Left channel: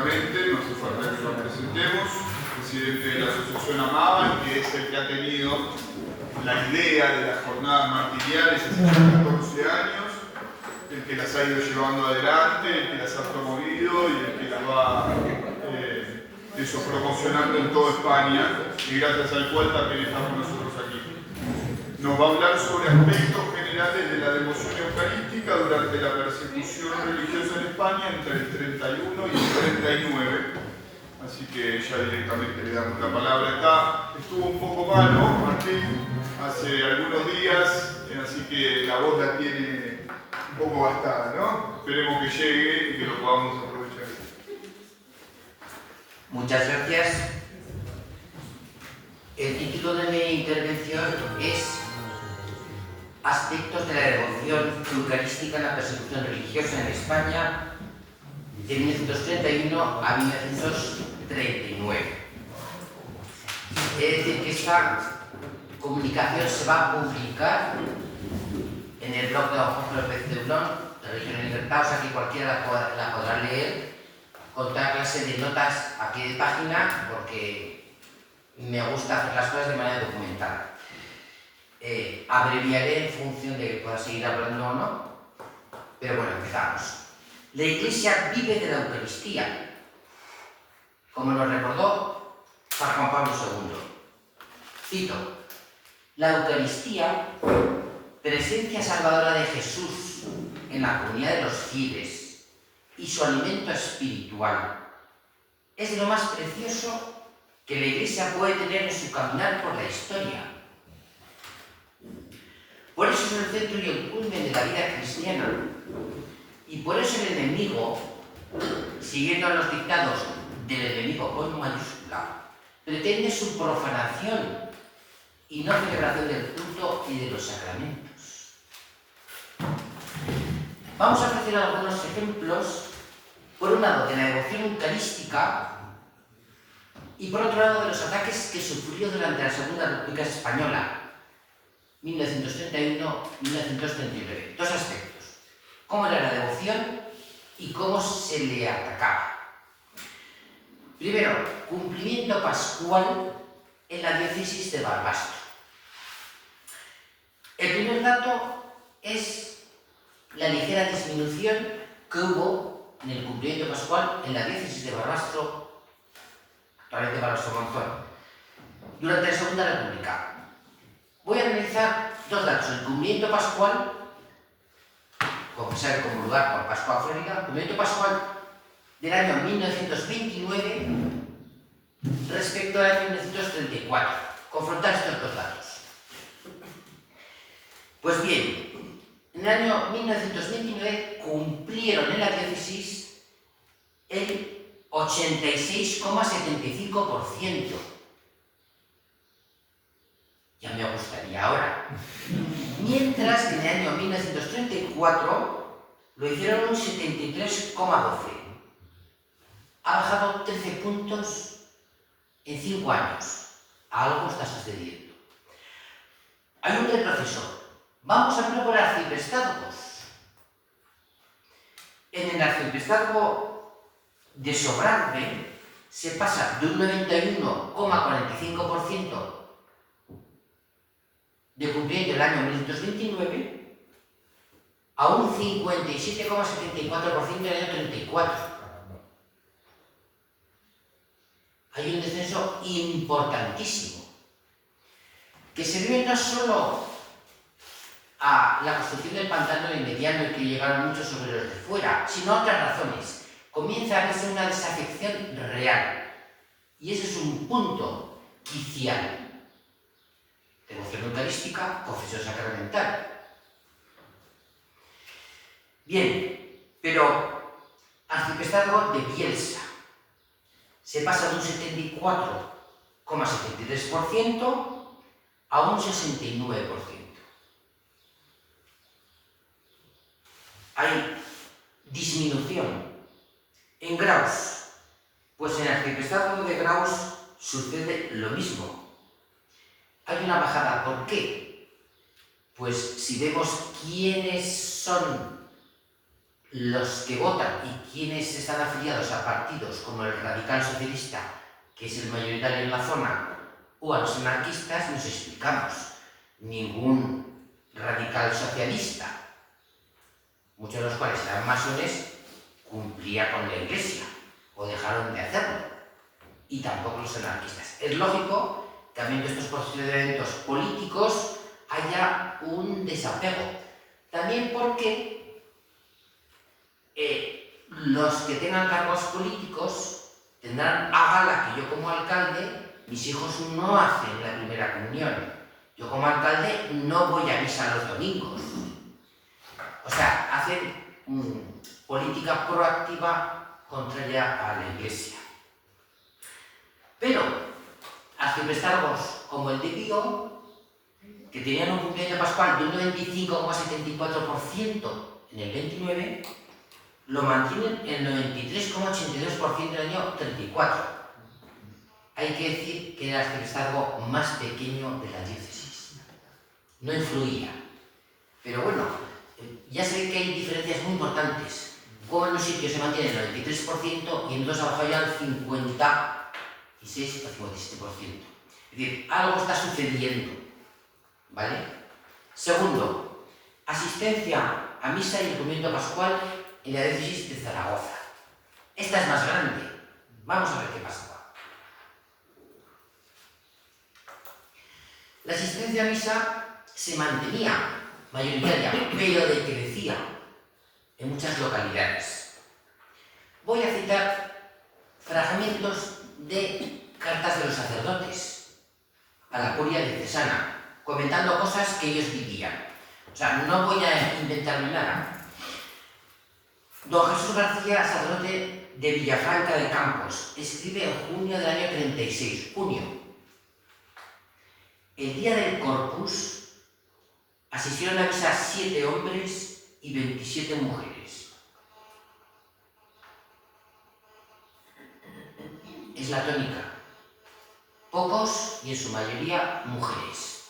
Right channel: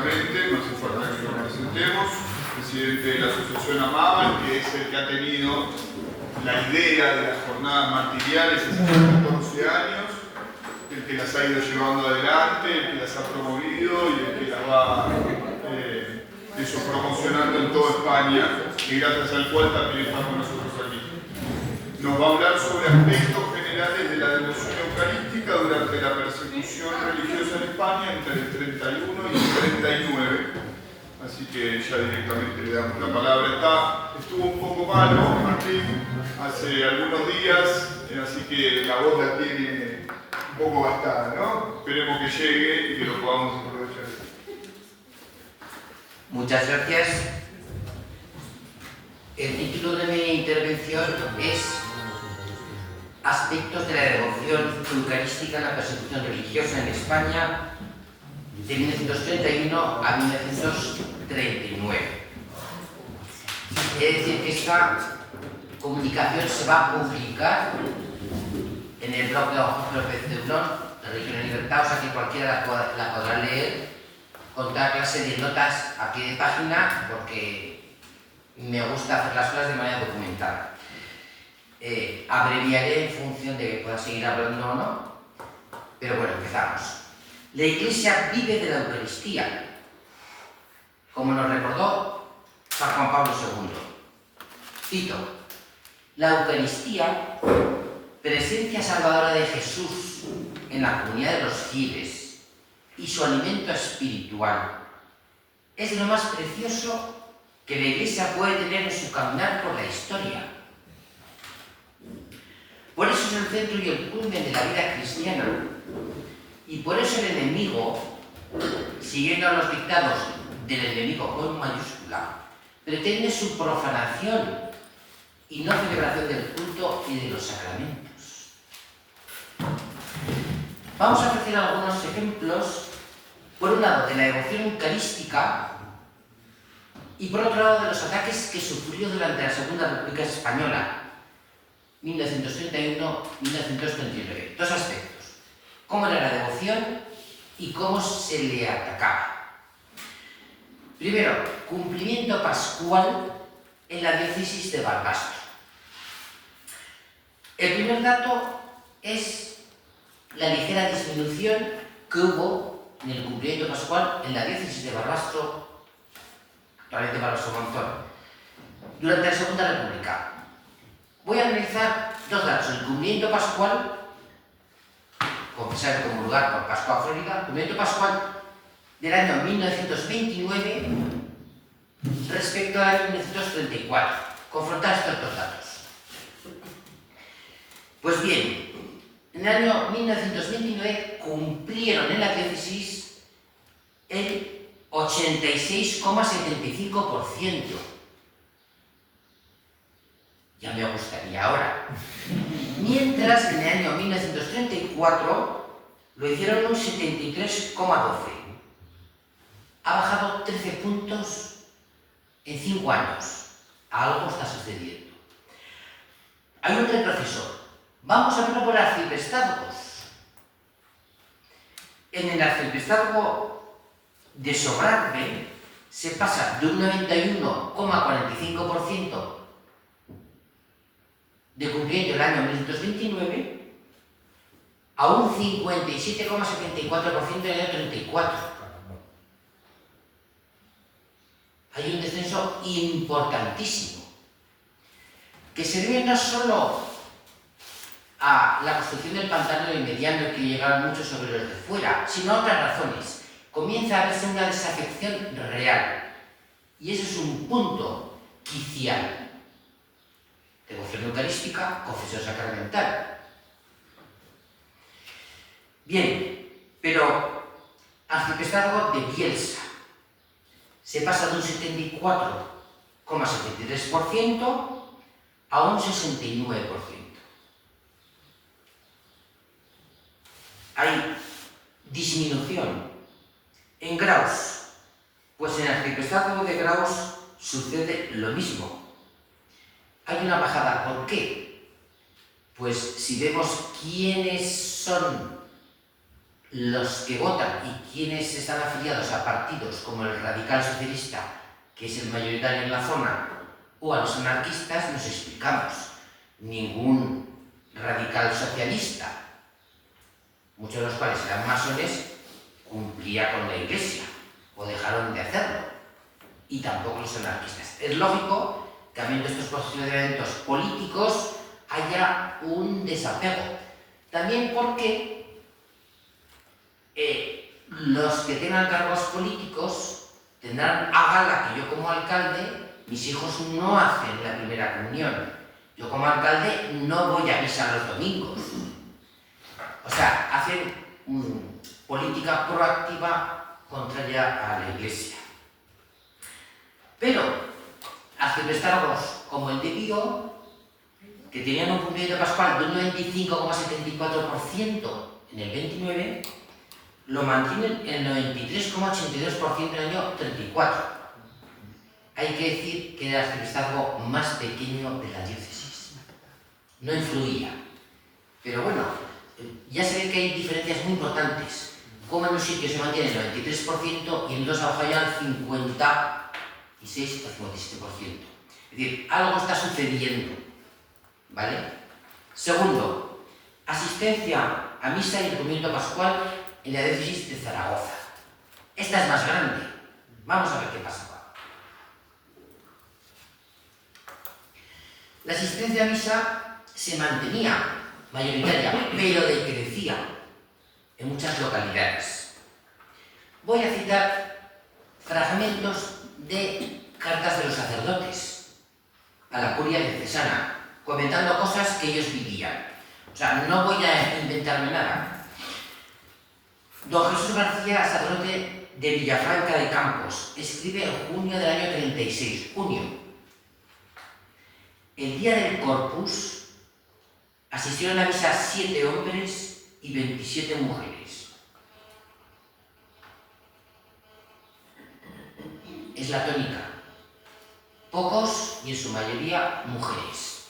directamente, no hace falta que lo presentemos, presidente de la Asociación Amaban, que es el que ha tenido la idea de las jornadas martiriales hace 14 años, el que las ha ido llevando adelante, el que las ha promovido y el que las va promocionando en toda España, y gracias al cual también estamos nosotros aquí. Nos va a hablar sobre aspectos generales de la devoción eucarística durante la persecución religiosa en España entre el 31 y el 39. Así que ya directamente le damos la palabra. Estuvo un poco malo, Martín, hace algunos días, así que la voz la tiene un poco gastada, ¿no? Esperemos que llegue y que lo podamos aprovechar. Muchas gracias. El título de mi intervención es Aspectos de la devoción eucarística en la persecución religiosa en España de 1931 a 1939. Es decir, que esta comunicación se va a publicar en el blog de don Jorge López Ceulón, Religión y Libertad, o sea que cualquiera la podrá leer con toda clase de notas a pie de página, porque me gusta hacer las cosas de manera documentada. Abreviaré en función de que pueda seguir hablando o no, pero bueno, empezamos. La Iglesia vive de la Eucaristía, como nos recordó San Juan Pablo II. Cito: la Eucaristía, presencia salvadora de Jesús en la comunidad de los fieles y su alimento espiritual, es lo más precioso que la Iglesia puede tener en su caminar por la historia. Por eso es el centro y el culmen de la vida cristiana, y por eso el enemigo, siguiendo a los dictados del enemigo con mayúscula, pretende su profanación y no celebración del culto y de los sacramentos. Vamos a ofrecer algunos ejemplos, por un lado de la devoción eucarística y por otro lado de los ataques que sufrió durante la Segunda República Española, 1931-1939. Dos aspectos: cómo era la devoción y cómo se le atacaba. Primero, cumplimiento pascual en la diócesis de Barbastro. El primer dato es la ligera disminución que hubo en el cumplimiento pascual en la diócesis de Barbastro, actualmente Barbastro-Monzón, durante la Segunda República. Voy a analizar dos datos: el cumplimiento pascual, confesar como lugar por Pascua Florida, el cumplimiento pascual del año 1929 respecto al año 1934. Confrontar estos dos datos. Pues bien, en el año 1929 cumplieron en la diócesis el 86,75%. Ya me gustaría ahora. Mientras que en el año 1934 lo hicieron un 73,12%. Ha bajado 13 puntos en 5 años. Algo está sucediendo. Hay un retroceso. Vamos a verlo por arciprestazgos. En el arciprestazgo de Sobrarbe se pasa de un 91,45% de cumplimiento el año 1929 a un 57,74% en el año 34. Hay un descenso importantísimo, que se debe no solo a la construcción del pantano de Mediano y que llegaron muchos sobre los de fuera, sino a otras razones. Comienza a verse una desafección real, y ese es un punto quicial. Devoción eucarística, confesión sacramental. Bien, pero arciprestazgo de Bielsa se pasa de un 74,73% a un 69%. Hay disminución. En Graus, pues en el arciprestazgo de Graus sucede lo mismo. Hay una bajada. ¿Por qué? Pues si vemos quiénes son los que votan y quienes están afiliados a partidos como el radical socialista, que es el mayoritario en la zona, o a los anarquistas, nos explicamos. Ningún radical socialista, muchos de los cuales eran masones, cumplía con la Iglesia, o dejaron de hacerlo, y tampoco los anarquistas. Es lógico que, habiendo estos posicionamientos políticos, haya un desapego. También porque los que tengan cargos políticos tendrán a gala que yo como alcalde, mis hijos no hacen la primera comunión. Yo como alcalde no voy a misa los domingos. O sea, hacen política proactiva contraria a la Iglesia. Pero arciprestazgos como el de Pío, que tenían un cumplimiento pascual de un 95,74% en el 29, lo mantienen en el 93,82% en el año 34. Hay que decir que era el arciprestazgo más pequeño de la diócesis. No influía. Pero bueno, ya se ve que hay diferencias muy importantes. Como en un sitio se mantiene el 93% y en dos abajo ya el 56 o 57%. Es decir, algo está sucediendo. ¿Vale? Segundo, asistencia a misa y el cumplimiento pascual en la diócesis de Zaragoza. Esta es más grande. Vamos a ver qué pasa. La asistencia a misa se mantenía mayoritaria, pero decrecía en muchas localidades. Voy a citar fragmentos de cartas de los sacerdotes a la curia diocesana, comentando cosas que ellos vivían. O sea, no voy a inventarme nada. Don Jesús García, sacerdote de Villafranca de Campos, escribe en junio del año 36, junio. El día del Corpus asistieron a misa 7 hombres y 27 mujeres. Es la tónica. Pocos y en su mayoría mujeres.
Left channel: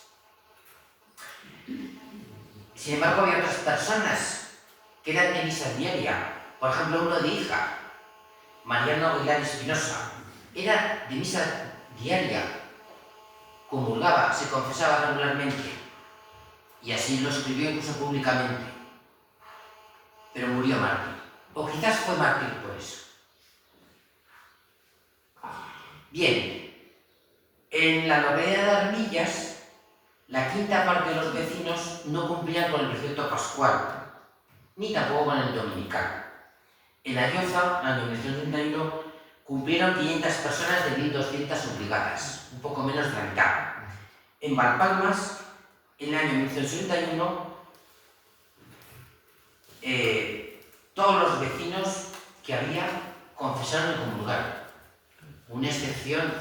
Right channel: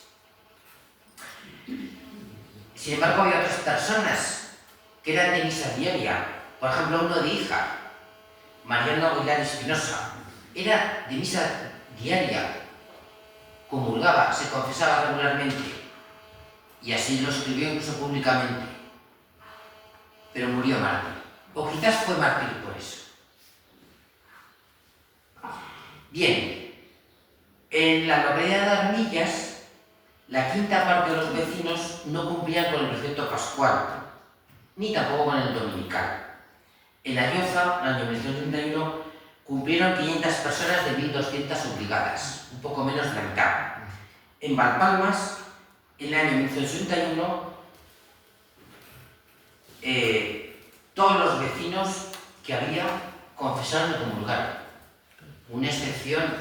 Sin embargo, había otras personas que eran de misa diaria. Por ejemplo, uno de Hija, Mariano Aguilar Espinosa, era de misa diaria, comulgaba, se confesaba regularmente y así lo escribió incluso públicamente, pero murió mártir, o quizás fue mártir por eso. Bien, en la localidad de Armillas, la quinta parte de los vecinos no cumplían con el precepto pascual, ni tampoco con el dominical. En Ayoza, en el año 1931, cumplieron 500 personas de 1.200 obligadas, un poco menos de la mitad. En Valpalmas, en el año 1961, todos los vecinos que había confesaron y comulgaron. Una excepción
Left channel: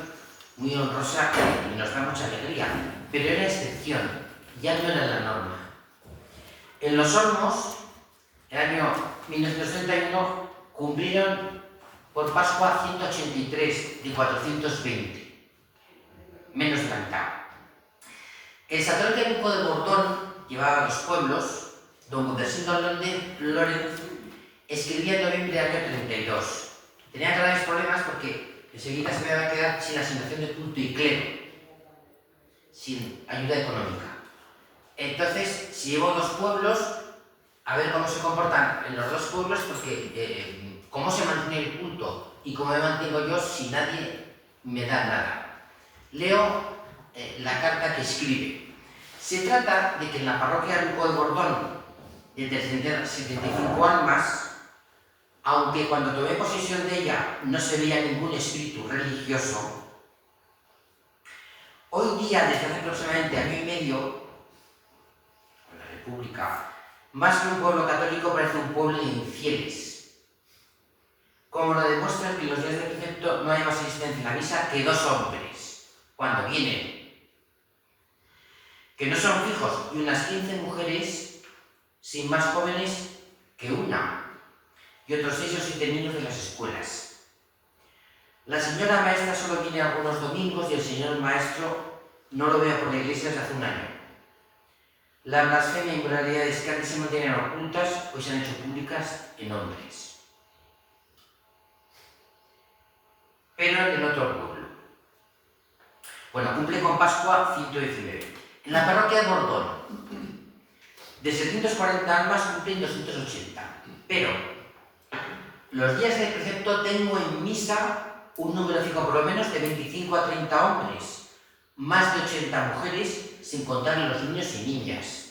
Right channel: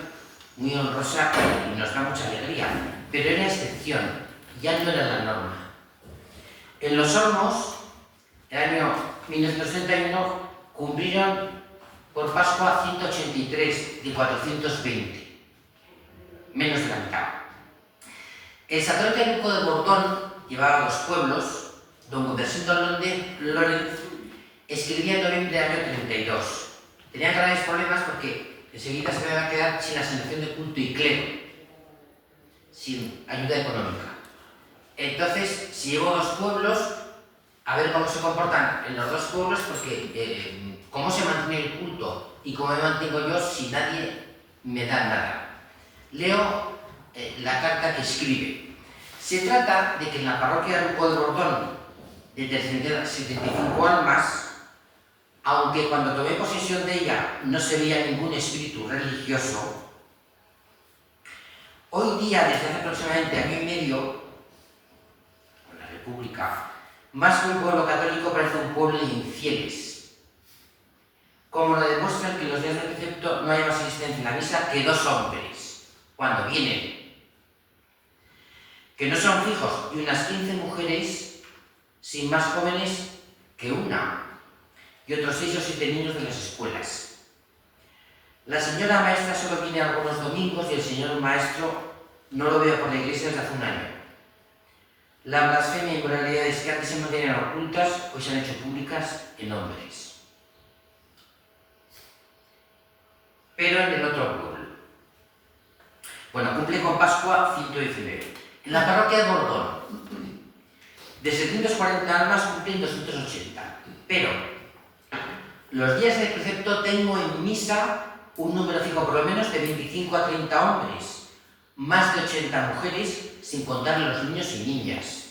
muy honrosa y nos da mucha alegría, pero era excepción, ya no era la norma. En Los Olmos, el año 1961, cumplieron por Pascua 183 de 420, menos de la mitad. El sacerdote Luco de Bordón llevaba a los pueblos, don Conversindo Lorenz escribía en noviembre del año 32. Tenía grandes problemas porque enseguida se iba a quedar sin asignación de culto y clero, sin ayuda económica. Entonces se llevó a los pueblos a ver cómo se comportan en los dos pueblos, porque cómo se mantiene el culto y cómo me mantengo yo si nadie me da nada. Leo la carta que escribe. Se trata de que en la parroquia Luco de Bordón, de 375 almas, aunque cuando tomé posesión de ella no se veía ningún espíritu religioso, hoy día, desde hace aproximadamente año y medio, con la República, más que un pueblo católico parece un pueblo de infieles, como lo demuestran que los días del precepto no hay más asistencia en la misa que 2 hombres, cuando vienen, que no son fijos, y unas 15 mujeres sin más jóvenes que una, y otros 6 o 7 niños de las escuelas. La señora maestra solo viene algunos domingos y el señor maestro no lo veo por la iglesia desde hace un año. La blasfemia y inmoralidades que antes se mantenían ocultas hoy se han hecho públicas en hombres. Pero en el otro pueblo. Bueno, cumple con Pascua 119. En la parroquia de Bordón, de 740 almas cumplen 280. Pero los días del precepto tengo en misa un número fijo por lo menos de 25 a 30 hombres, más de 80 mujeres, sin contar a los niños y niñas.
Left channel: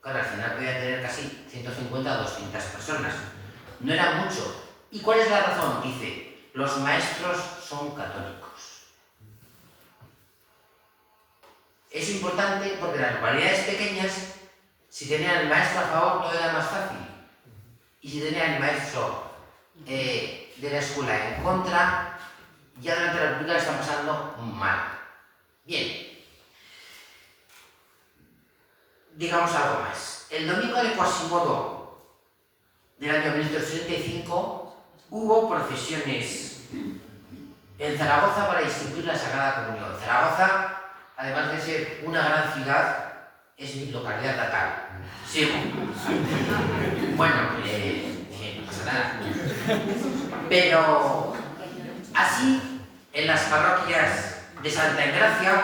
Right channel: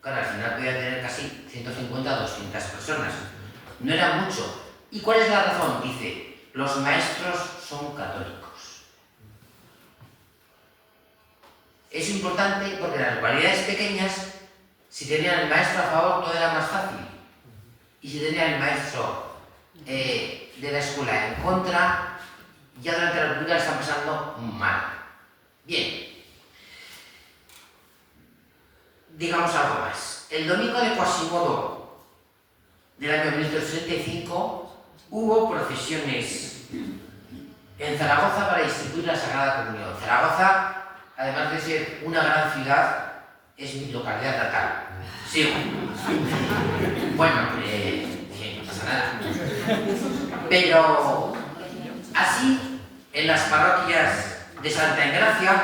Claro, al final podía tener casi 150 a 200 personas. No era mucho. ¿Y cuál es la razón? Dice, los maestros son católicos. Es importante porque en las localidades pequeñas, si tenían el maestro a favor, todo era más fácil. Y si tenían el maestro de la escuela en contra, ya durante la República están pasando mal. Bien. Digamos algo más. El domingo de Quasimodo del año 1965 hubo procesiones en Zaragoza para distribuir la Sagrada Comunión. Zaragoza, además de ser una gran ciudad, es mi localidad natal. Sí. Bueno, no pasa nada. Pero así, en las parroquias de Santa Engracia,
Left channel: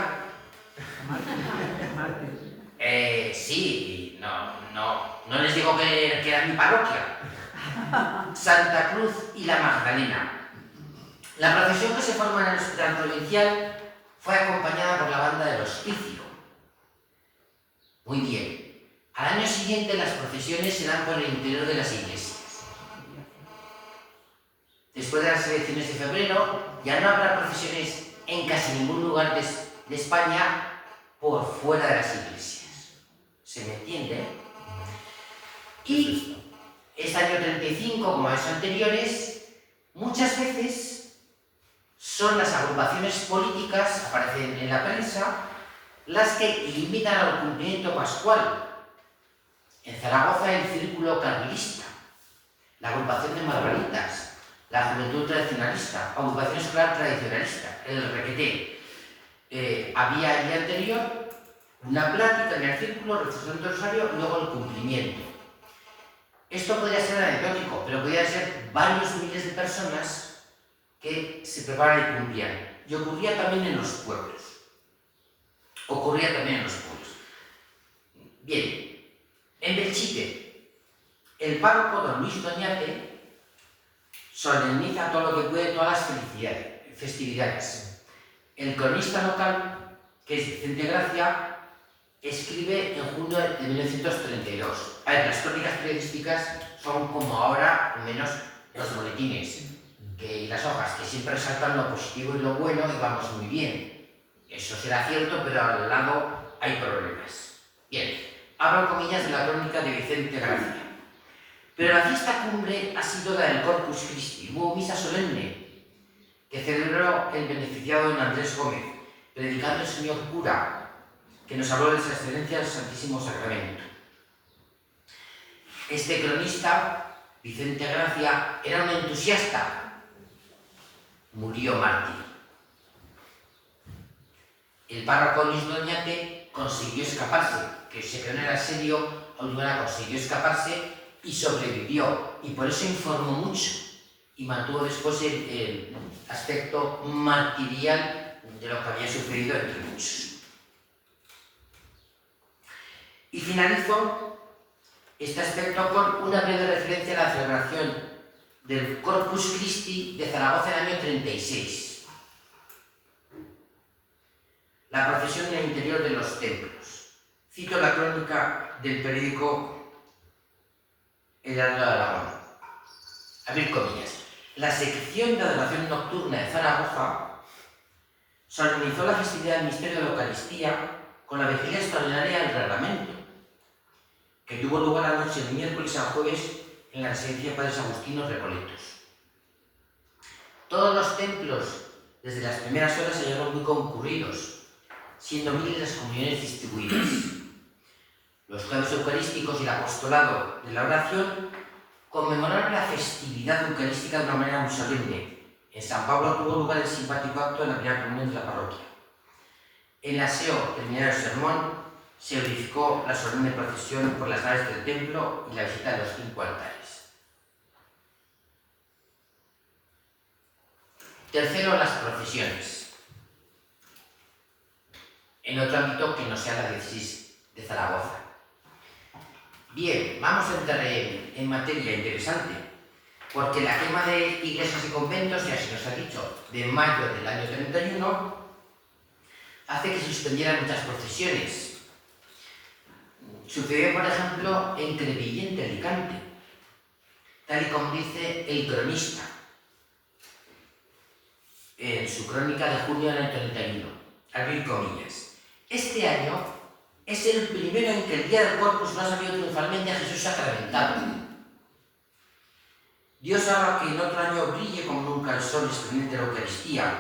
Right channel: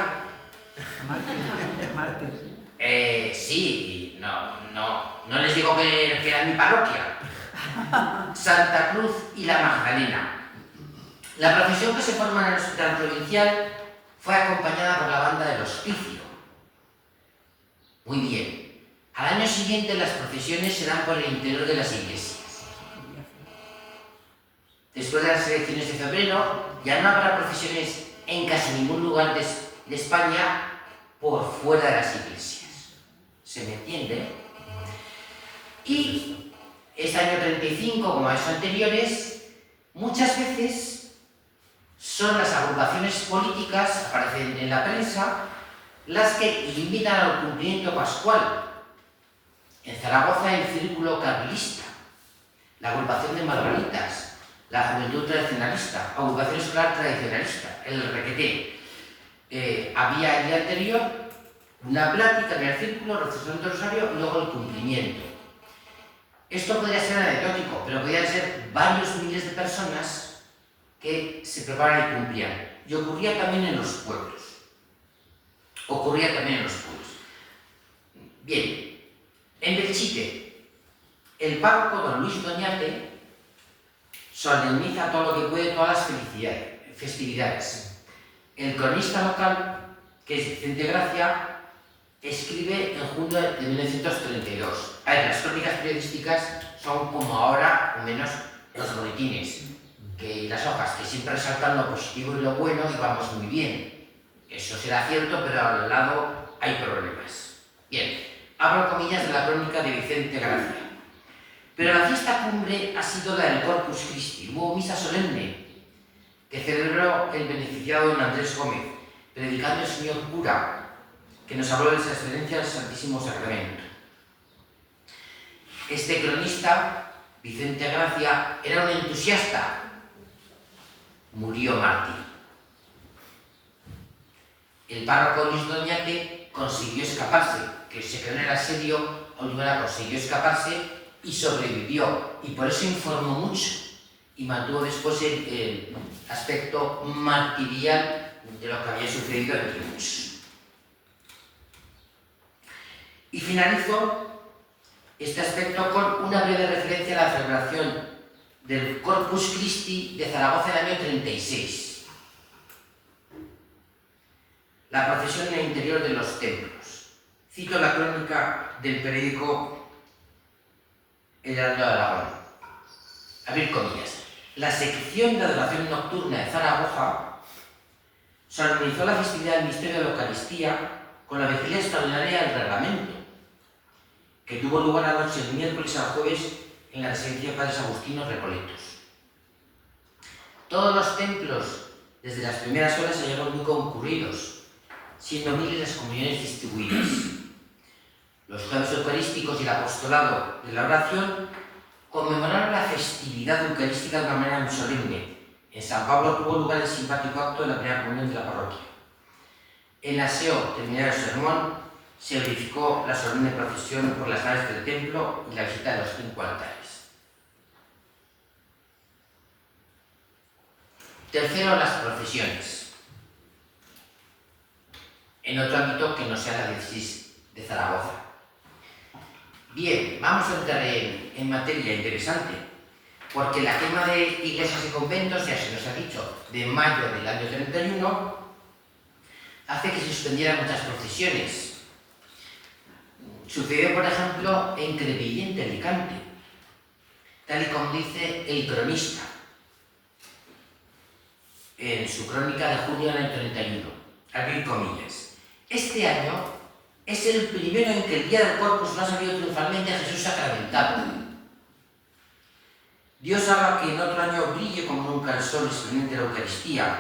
sí, no les digo que era mi parroquia. Santa Cruz y la Magdalena. La procesión que se forma en el hospital provincial fue acompañada por la banda del hospicio. Muy bien. Al año siguiente las procesiones se dan por el interior de las iglesias. Después de las elecciones de febrero, ya no habrá procesiones en casi ningún lugar de España por fuera de las iglesias. ¿Se me entiende? Y este año 35, como los anteriores, muchas veces son las agrupaciones políticas, aparecen en la prensa, las que invitan al cumplimiento pascual. En Zaragoza, el Círculo Carlista, la agrupación de Margaritas, la Juventud Tradicionalista, agrupación escolar tradicionalista, el Requeté. Había el día anterior una plática en el círculo, recitación del rosario y luego el cumplimiento. Esto podría ser anecdótico, pero podrían ser varios miles de personas que se preparan y cumplían. Y ocurría también en los pueblos. Bien, en Belchite, el párroco don Luis Doñate solemniza todo lo que puede, todas las festividades. El cronista local, que es Vicente Gracia, escribe en junio de 1932. A ver, las crónicas periodísticas son como ahora, o menos, los boletines y las hojas, que siempre resaltan lo positivo y lo bueno y vamos muy bien. Eso será cierto, pero al lado hay problemas. Bien, abro comillas de la crónica de Vicente Gracia. Pero la fiesta cumbre ha sido la del Corpus Christi. Hubo misa solemne que celebró el beneficiado don Andrés Gómez, predicando el señor cura, que nos habló de esa excelencia del Santísimo Sacramento. Este cronista, Vicente Gracia, era un entusiasta. Murió mártir. El párroco Luis Doñate consiguió escaparse, que se quedó en el asedio, Olivera consiguió escaparse y sobrevivió, y por eso informó mucho y mantuvo después el aspecto martirial de lo que había sucedido entre muchos. Y finalizo este aspecto con una breve referencia a la celebración del Corpus Christi de Zaragoza en el año 36. La procesión en el interior de los templos. Cito la crónica del periódico El Heraldo de Aragón. Abrir comillas. La sección de adoración nocturna de Zaragoza solemnizó la festividad del misterio de la Eucaristía con la vigilia extraordinaria del reglamento, que tuvo lugar la noche del miércoles al jueves en la residencia de Padres Agustinos Recoletos. Todos los templos, desde las primeras horas, se hallaron muy concurridos, siendo miles las comuniones distribuidas. Los jueves eucarísticos y el apostolado de la oración conmemoraron la festividad eucarística de una manera muy solemne. En San Pablo tuvo lugar el simpático acto de la primera comunión de la parroquia. El aseo terminado el sermón se verificó la solemne procesión por las naves del templo y la visita de los 5 altares. Tercero, las procesiones. En otro ámbito que no sea la diócesis de Zaragoza. Bien, vamos a entrar en materia interesante, porque la quema de iglesias y conventos, ya se nos ha dicho, de mayo del año 31, hace que se suspendieran muchas procesiones. Sucedió, por ejemplo, en Crevillent de Alicante, tal y como dice el cronista en su crónica de junio del año 31, abrir comillas. Este año es el primero en que el día del Corpus no ha salido triunfalmente a Jesús sacramentado. Dios haga que en otro año brille como nunca el sol esplendente de la Eucaristía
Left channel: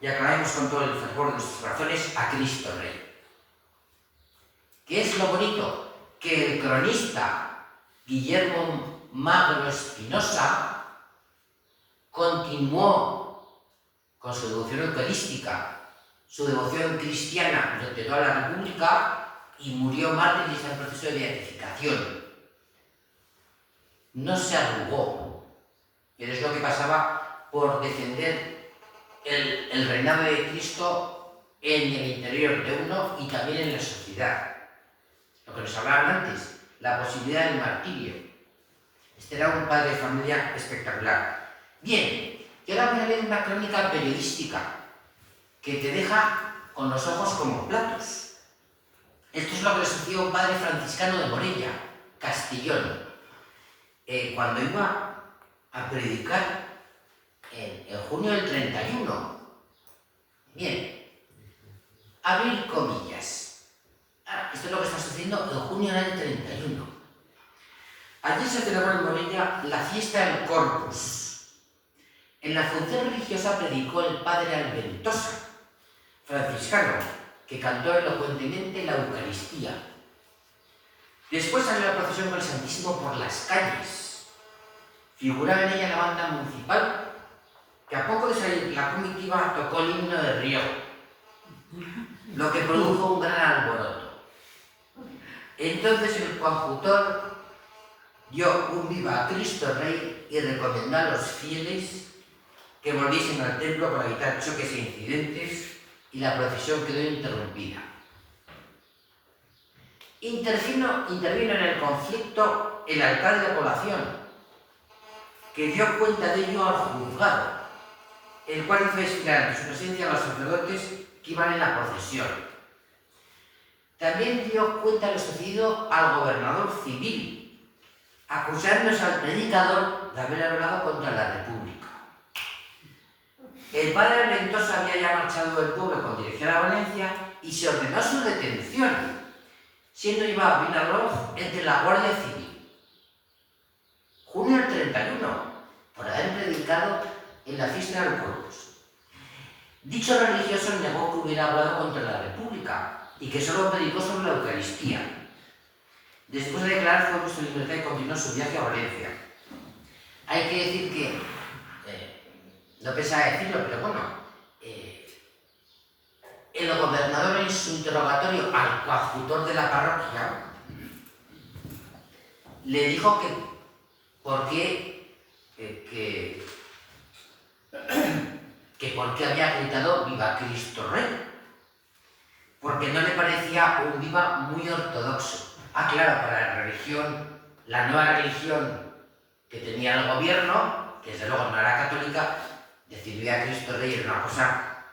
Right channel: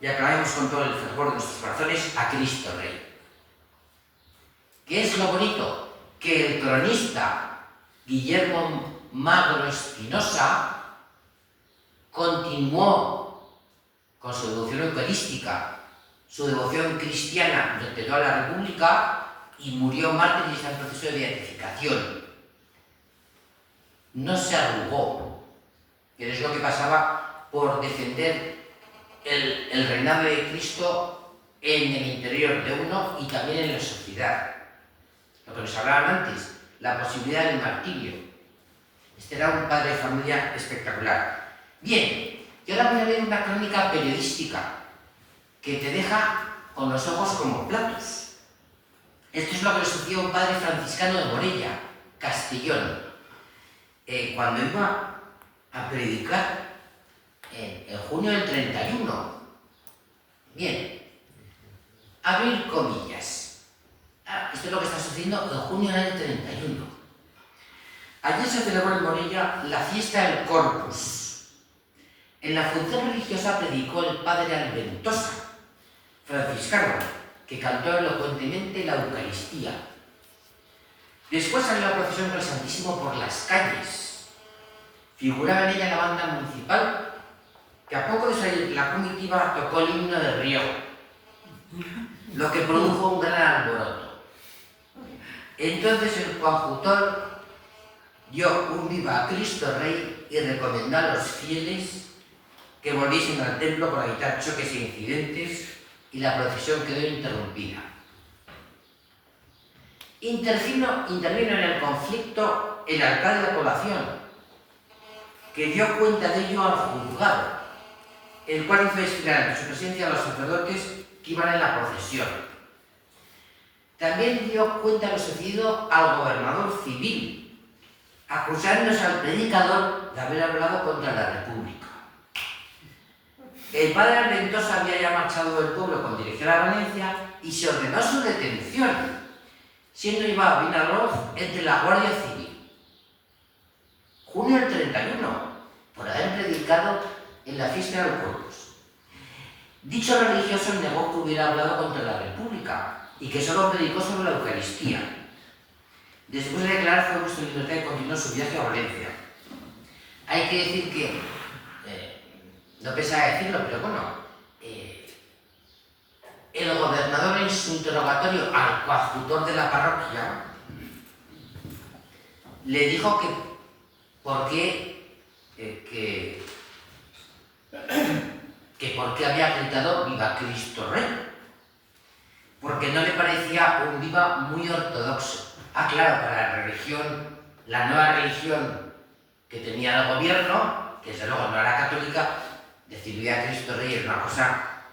y aclamemos con todo el fervor de nuestros corazones a Cristo Rey. ¿Qué es lo bonito? Que el cronista Guillermo Magro Espinosa continuó con su devoción eucarística, su devoción cristiana durante toda la República y murió mártir y está en proceso de beatificación. No se arrugó, que es lo que pasaba por defender el reinado de Cristo en el interior de uno y también en la sociedad. Lo que nos hablaban antes, la posibilidad del martirio. Este era un padre de familia espectacular. Bien, yo ahora voy a leer una crónica periodística que te deja con los ojos como platos. Esto es lo que le sucedió a un padre franciscano de Morella, Castellón, cuando iba a predicar en junio del 31. Bien, abrir comillas. Esto es lo que está sucediendo en junio del 31. Ayer se celebró en Morella la fiesta del Corpus. En la función religiosa predicó el padre Alventosa, franciscano, que cantó elocuentemente la Eucaristía. Después salió la procesión con el Santísimo por las calles. Figuraba en ella la banda municipal, que a poco de salir la comitiva tocó el himno de Riego, lo que produjo un gran alboroto. Entonces el coadjutor dio un viva a Cristo Rey y recomendó a los fieles que volviesen al templo para evitar choques e incidentes, y la procesión quedó interrumpida. Intervino en el conflicto el alcalde de la población, que dio cuenta de ello al juzgado, el cual hizo desfilar ante su presencia a los sacerdotes que iban en la procesión. También dio cuenta de lo sucedido al gobernador civil, acusándose al predicador de haber hablado contra la República. El padre Alventosa había ya marchado del pueblo con dirección a Valencia y se ordenó su detención, siendo llevado a Vinalopó entre la Guardia Civil. Junio del 31, por haber predicado en la fiesta del Corpus. Dicho religioso negó que hubiera hablado contra la República y que solo predicó sobre la Eucaristía. Después de declarar fue puesto en libertad y continuó su viaje a Valencia. Hay que decir que no pensaba decirlo, pero bueno, el gobernador en su interrogatorio al coadjutor de la parroquia le dijo que por qué había gritado "Viva Cristo Rey", porque no le parecía un viva muy ortodoxo. Claro, para la religión, la nueva religión que tenía el gobierno, que desde luego no era católica, decir "Viva Cristo Rey" era una cosa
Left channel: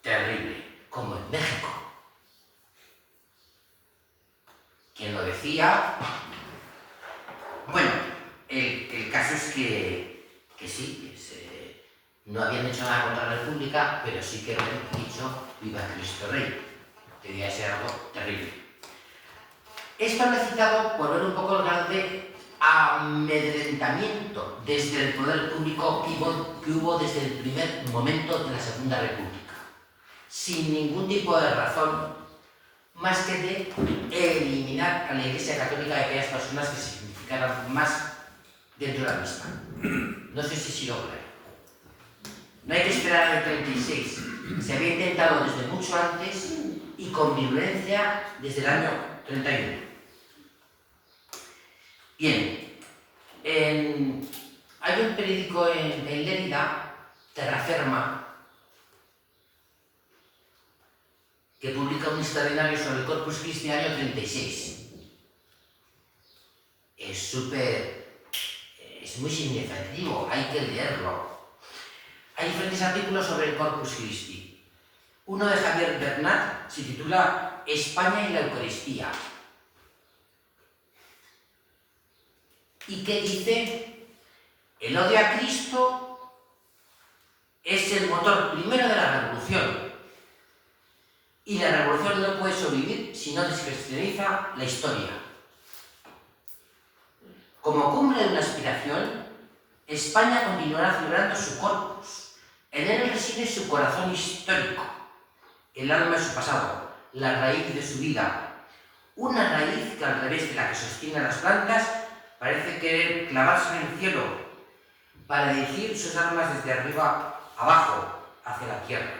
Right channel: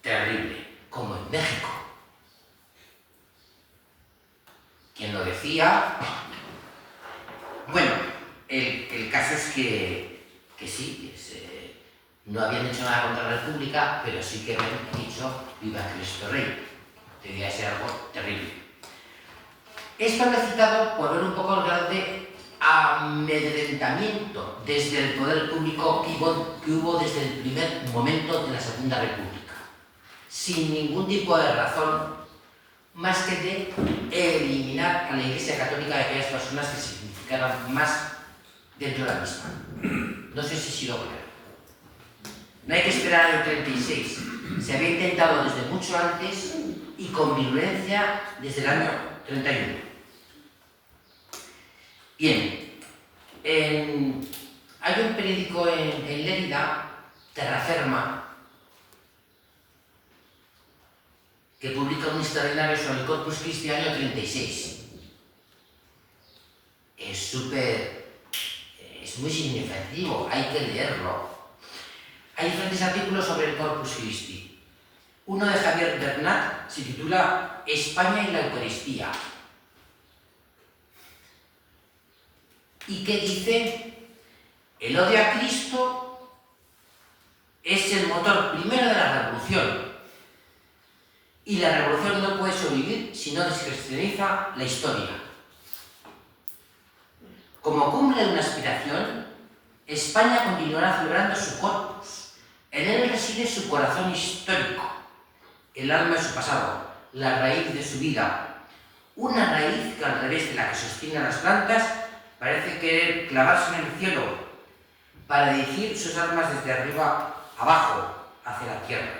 terrible, como en México. ¿Quién lo decía? Bueno, el caso es que sí, no habían hecho nada contra la República, pero sí que habían dicho "Viva Cristo Rey". Debía ser algo terrible. Esto lo he citado por ver un poco el grado de amedrentamiento desde el poder público que hubo desde el primer momento de la Segunda República, sin ningún tipo de razón más que de eliminar a la Iglesia Católica de aquellas personas que significaran más dentro de la misma. No sé si he sido claro. No hay que esperar al 36. Se había intentado desde mucho antes y con virulencia desde el año 31. Bien, hay un periódico en Lérida, Terraferma, que publica un extraordinario sobre el Corpus Christi año 36. Es muy significativo, hay que leerlo. Hay diferentes artículos sobre el Corpus Christi. Uno de Javier Bernat se titula España y la Eucaristía. ¿Y qué dice? El odio a Cristo es el motor primero de la revolución. Y la revolución no puede sobrevivir si no descristianiza la historia. Como cumbre de una aspiración, España continuará celebrando su corpus. En él reside su corazón histórico, el alma de su pasado, la raíz de su vida. Una raíz que, al revés de la que sostienen las plantas, parece querer clavarse en el cielo para dirigir sus armas desde arriba abajo, hacia la tierra.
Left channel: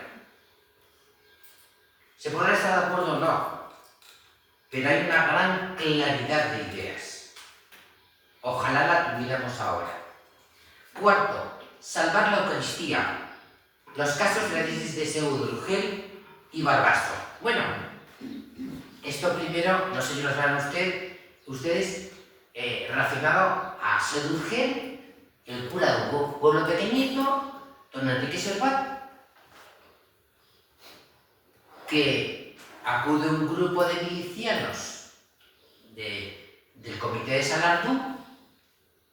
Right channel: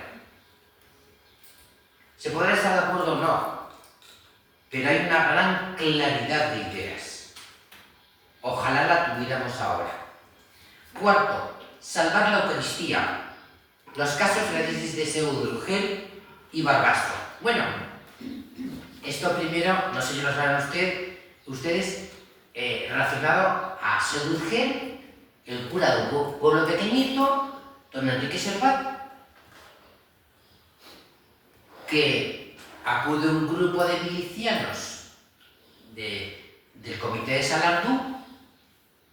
Se podrá estar de acuerdo o no, pero hay una gran claridad de ideas. Ojalá la tuviéramos ahora. Cuarto, salvar la Eucaristía. Los casos de la diócesis de Seu de Urgel y Barbastro. Bueno, esto primero, no sé si lo saben ustedes, relacionado a Seu de Urgel, el cura de un pueblo pequeñito, don Enrique Servat, que acude un grupo de milicianos del comité de Salardú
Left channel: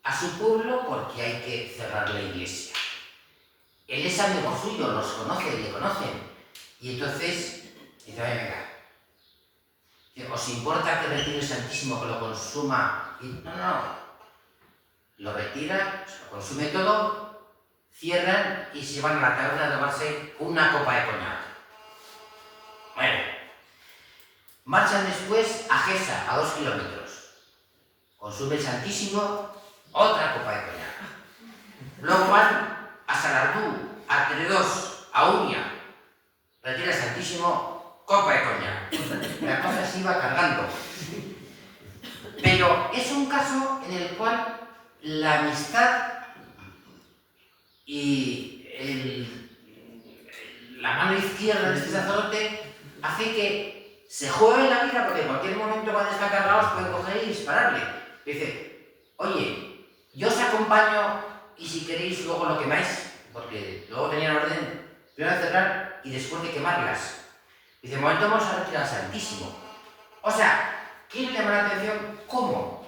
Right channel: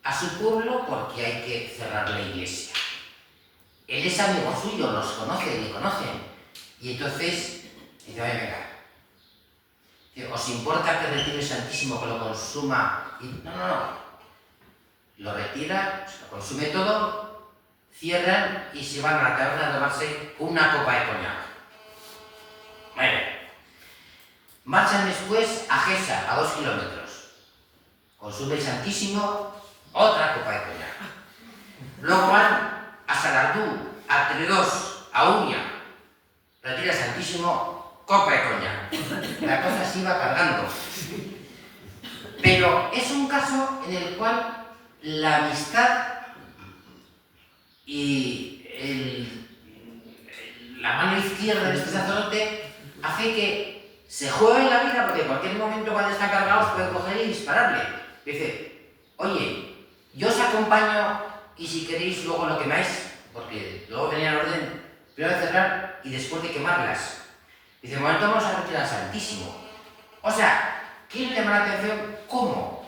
a su pueblo porque hay que cerrar la iglesia. Él es amigo suyo, los conoce, le conocen. Y entonces dice, oye, venga, ¿os importa que retire el Santísimo, que lo consuma? Y no. Lo retira, se lo consume todo, cierran y se van a la taberna a tomarse una copa de coñac. Bueno, marchan después a Gesa, a 2 kilómetros. Consume el Santísimo, otra copa de coñac. Luego van a Salardú, a Tredós, a Uña. Retira el Santísimo, copa de coñac. La cosa se iba cargando. Pero es un caso en el cual la amistad y la mano izquierda de este sacerdote hace que se juegue la vida, porque en cualquier momento cuando están cargados pueden coger y dispararle. Dice, oye, yo os acompaño y si queréis luego lo quemáis, porque luego tenían orden primero de cerrar y después de quemarlas. Dice, de momento vamos a retirar al Santísimo. O sea, quiero llamar la atención cómo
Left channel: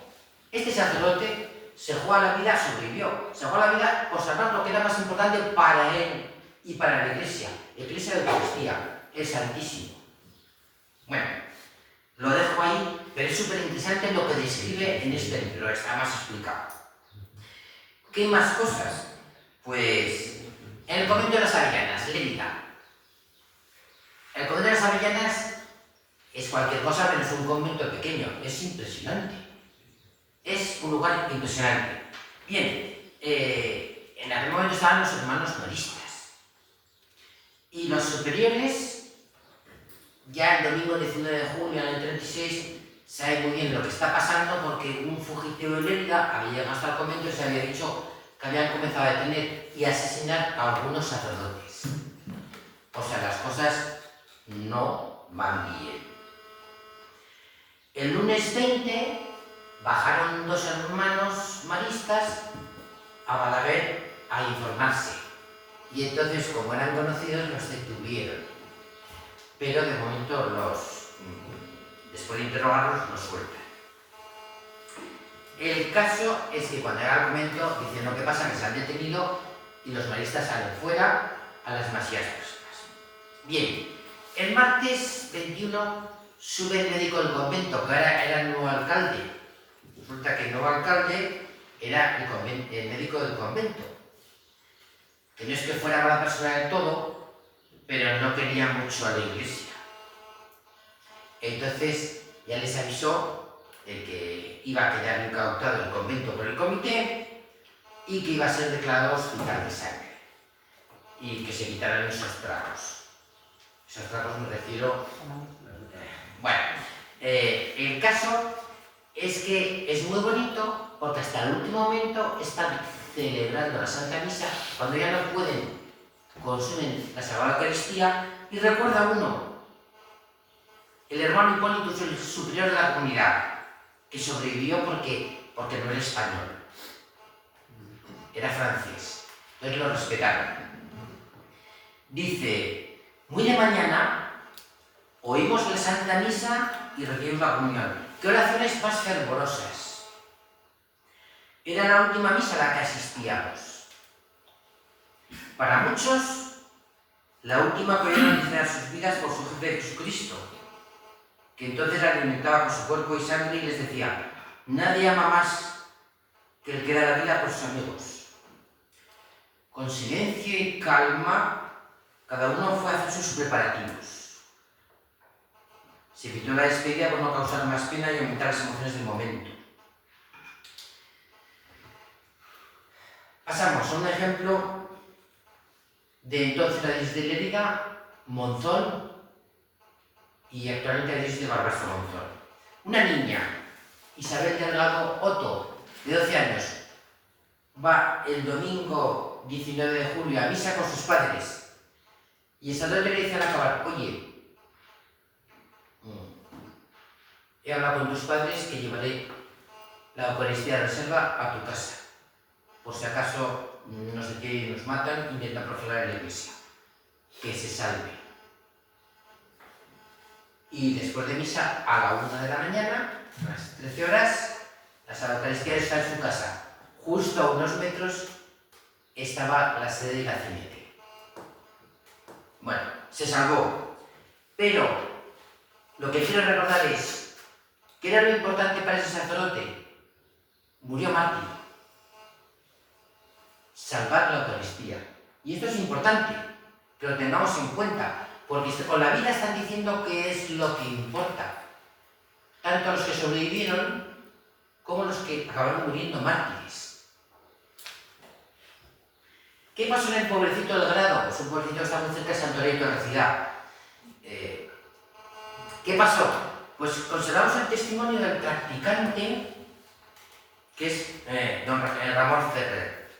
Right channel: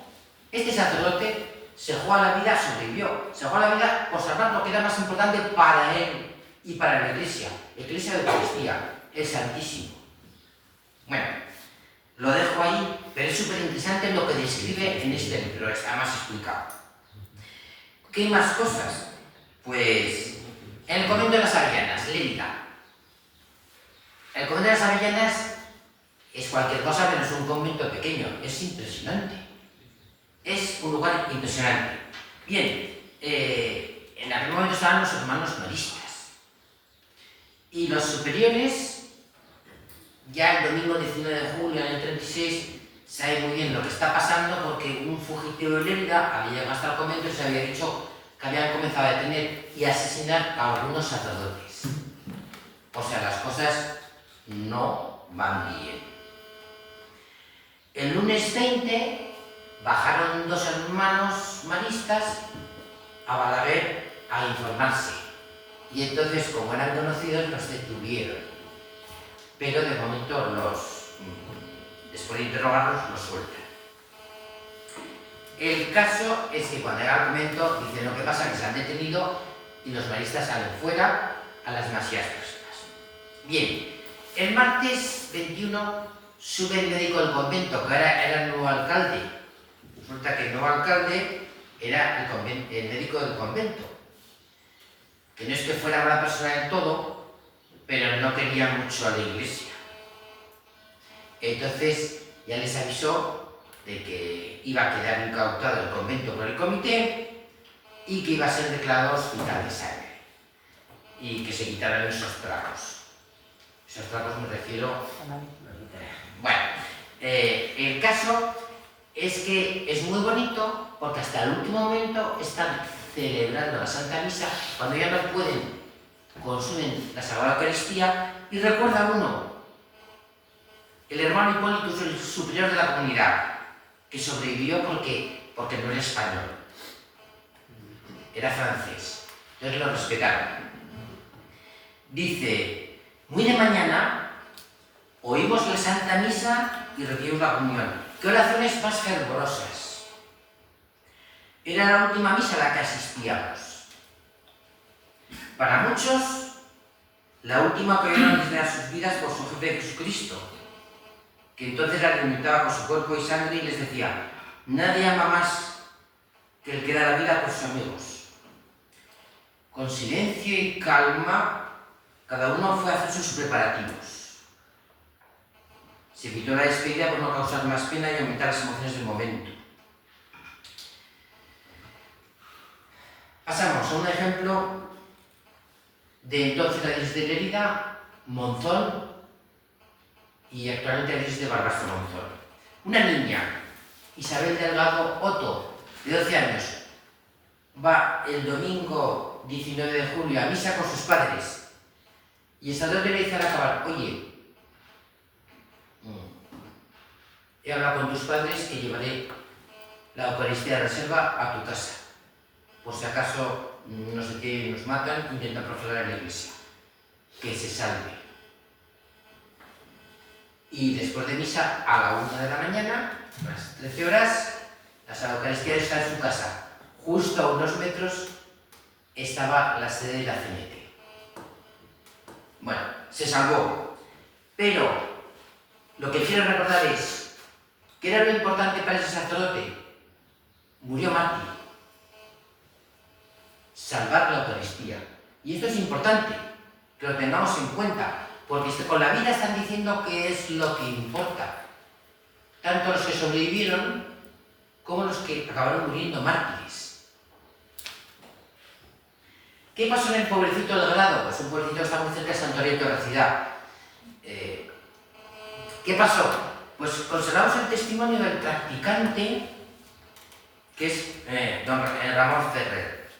este sacerdote se juega la vida, sobrevivió, se juega la vida por salvar lo que era más importante para él y para la Iglesia de Eucaristía, el Santísimo. Bueno, lo dejo ahí, pero es súper interesante lo que describe en este libro, está más explicado. ¿Qué más cosas? Pues en el convento de las Avellanas, Lérida. El convento de las Avellanas es cualquier cosa, pero es un convento pequeño, es impresionante. Es un lugar impresionante. Bien, en aquel momento estaban los hermanos maristas. Y los superiores, ya el domingo 19 de julio del 36, sabe muy bien lo que está pasando porque un fugitivo de Lérida había llegado hasta el convento y se había dicho que habían comenzado a detener y a asesinar a algunos sacerdotes. O sea, las cosas no van bien. El lunes 20 bajaron 2 hermanos maristas a Balaguer a informarse. Y entonces, como eran conocidos, los detuvieron. Pero de momento después de interrogarlos, los sueltan. El caso es que cuando llega al convento, dicen lo que pasa, que se han detenido y los maristas salen fuera a las demasiadas personas. Bien, el martes 21 sube el médico del convento, que ahora era el nuevo alcalde. Resulta que el nuevo alcalde era el médico del convento. Que no es que fuera mala persona del todo, pero no quería mucho a la iglesia. Entonces ya les avisó de que iba a quedar incautado el convento por el comité y que iba a ser declarado hospital de sangre y que se quitaran esos trapos. Esos trapos me refiero Bueno, el caso es que es muy bonito porque hasta el último momento están celebrando la Santa Misa cuando ya no pueden, consumen la Sagrada Eucaristía y recuerda uno, el hermano Hipólito es el superior de la comunidad, que sobrevivió porque no era español, era francés, entonces lo respetaron. Dice, muy de mañana oímos la Santa Misa y recibimos la comunión. ¿Qué oraciones más fervorosas? Era la última misa a la que asistíamos. Para muchos, la última que oyeron antes de dar sus vidas por su jefe Jesucristo, que entonces la alimentaba con su cuerpo y sangre y les decía, nadie ama más que el que da la vida por sus amigos. Con silencio y calma, cada uno fue a hacer sus preparativos. Se evitó la despedida por no causar más pena y aumentar las emociones del momento. Pasamos a un ejemplo de entonces la diócesis de Lérida, Monzón, y actualmente la diócesis de Barbastro Monzón. Una niña, Isabel Delgado Otto, de 12 años, va el domingo 19 de julio a misa con sus padres y el sacerdote le dice al acabar, oye, he hablado con tus padres que llevaré la Eucaristía de reserva a tu casa. Por si acaso no sé qué nos matan, intentan profanar en la iglesia. Que se salve. Y después de misa, a la 1 de la mañana, a las 13 horas, la Santa Eucaristía está en su casa. Justo a unos metros estaba la sede de la CNT. Bueno, se salvó. Pero lo que quiero recordar es, ¿qué era lo importante para ese sacerdote? Murió mártir. Salvar la Eucaristía. Y esto es importante, que lo tengamos en cuenta, porque con la vida están diciendo qué es lo que importa. Tanto los que sobrevivieron como los que acabaron muriendo mártires. ¿Qué pasó en el pobrecito del Grado? Pues un pobrecito que está muy cerca de Santoreto de la ciudad. ¿Qué pasó? Pues conservamos el testimonio del practicante, que es don Ramón Ferrer,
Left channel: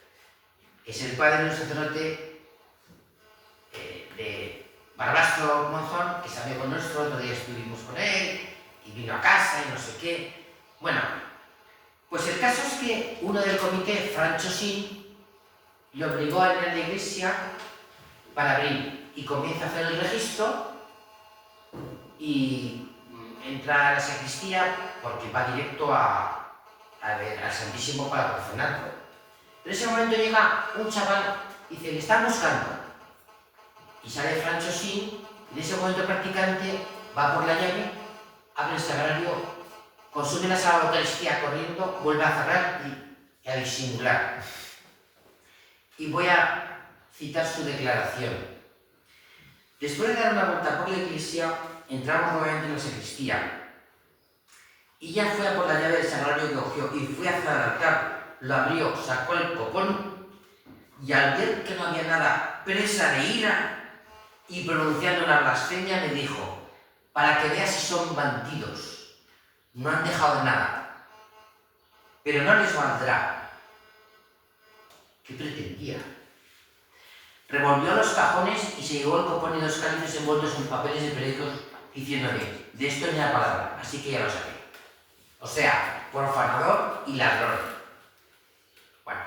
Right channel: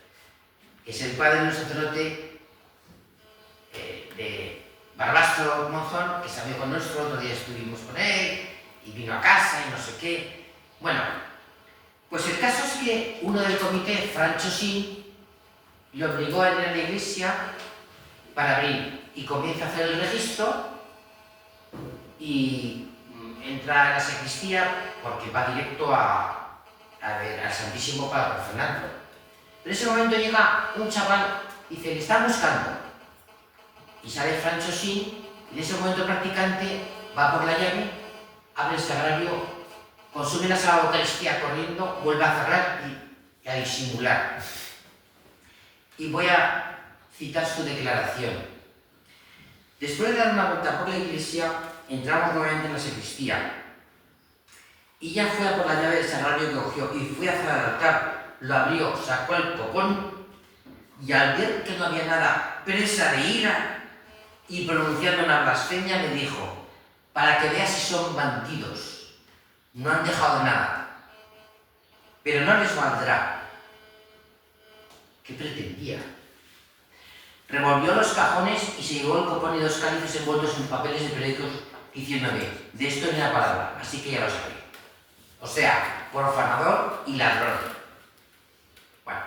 que es el padre de un sacerdote de Barbastro Monzón, que salió con nosotros, otro día estuvimos con él, y vino a casa y no sé qué. Bueno, pues el caso es que uno del comité, Francho Sin, le obligó a ir a la iglesia para abrir, y comienza a hacer el registro, y entra a la sacristía porque va directo al Santísimo para profanarlo. Pero en ese momento llega un chaval y dice, le están buscando. Y sale Francho Sin, y en ese momento el practicante va por la llave, abre el sagrario, consume la Sagrada Eucaristía corriendo, vuelve a cerrar y a disimular. Y voy a citar su declaración. Después de dar una vuelta por la iglesia, entramos nuevamente en la sacristía. Y ya fue a por la llave del sagrario que cogió y fue hacia el altar, lo abrió, sacó el copón y al ver que no había nada, presa de ira y pronunciando una blasfemia, me dijo, para que veas si son bandidos, no han dejado nada, pero no les valdrá. ¿Qué pretendía? Revolvió los cajones y se llevó el copón y 2 cálices envueltos en papeles de periódicos diciéndome, de esto ni la palabra, así que ya lo sabéis. O sea, profanador y ladrón. Bueno,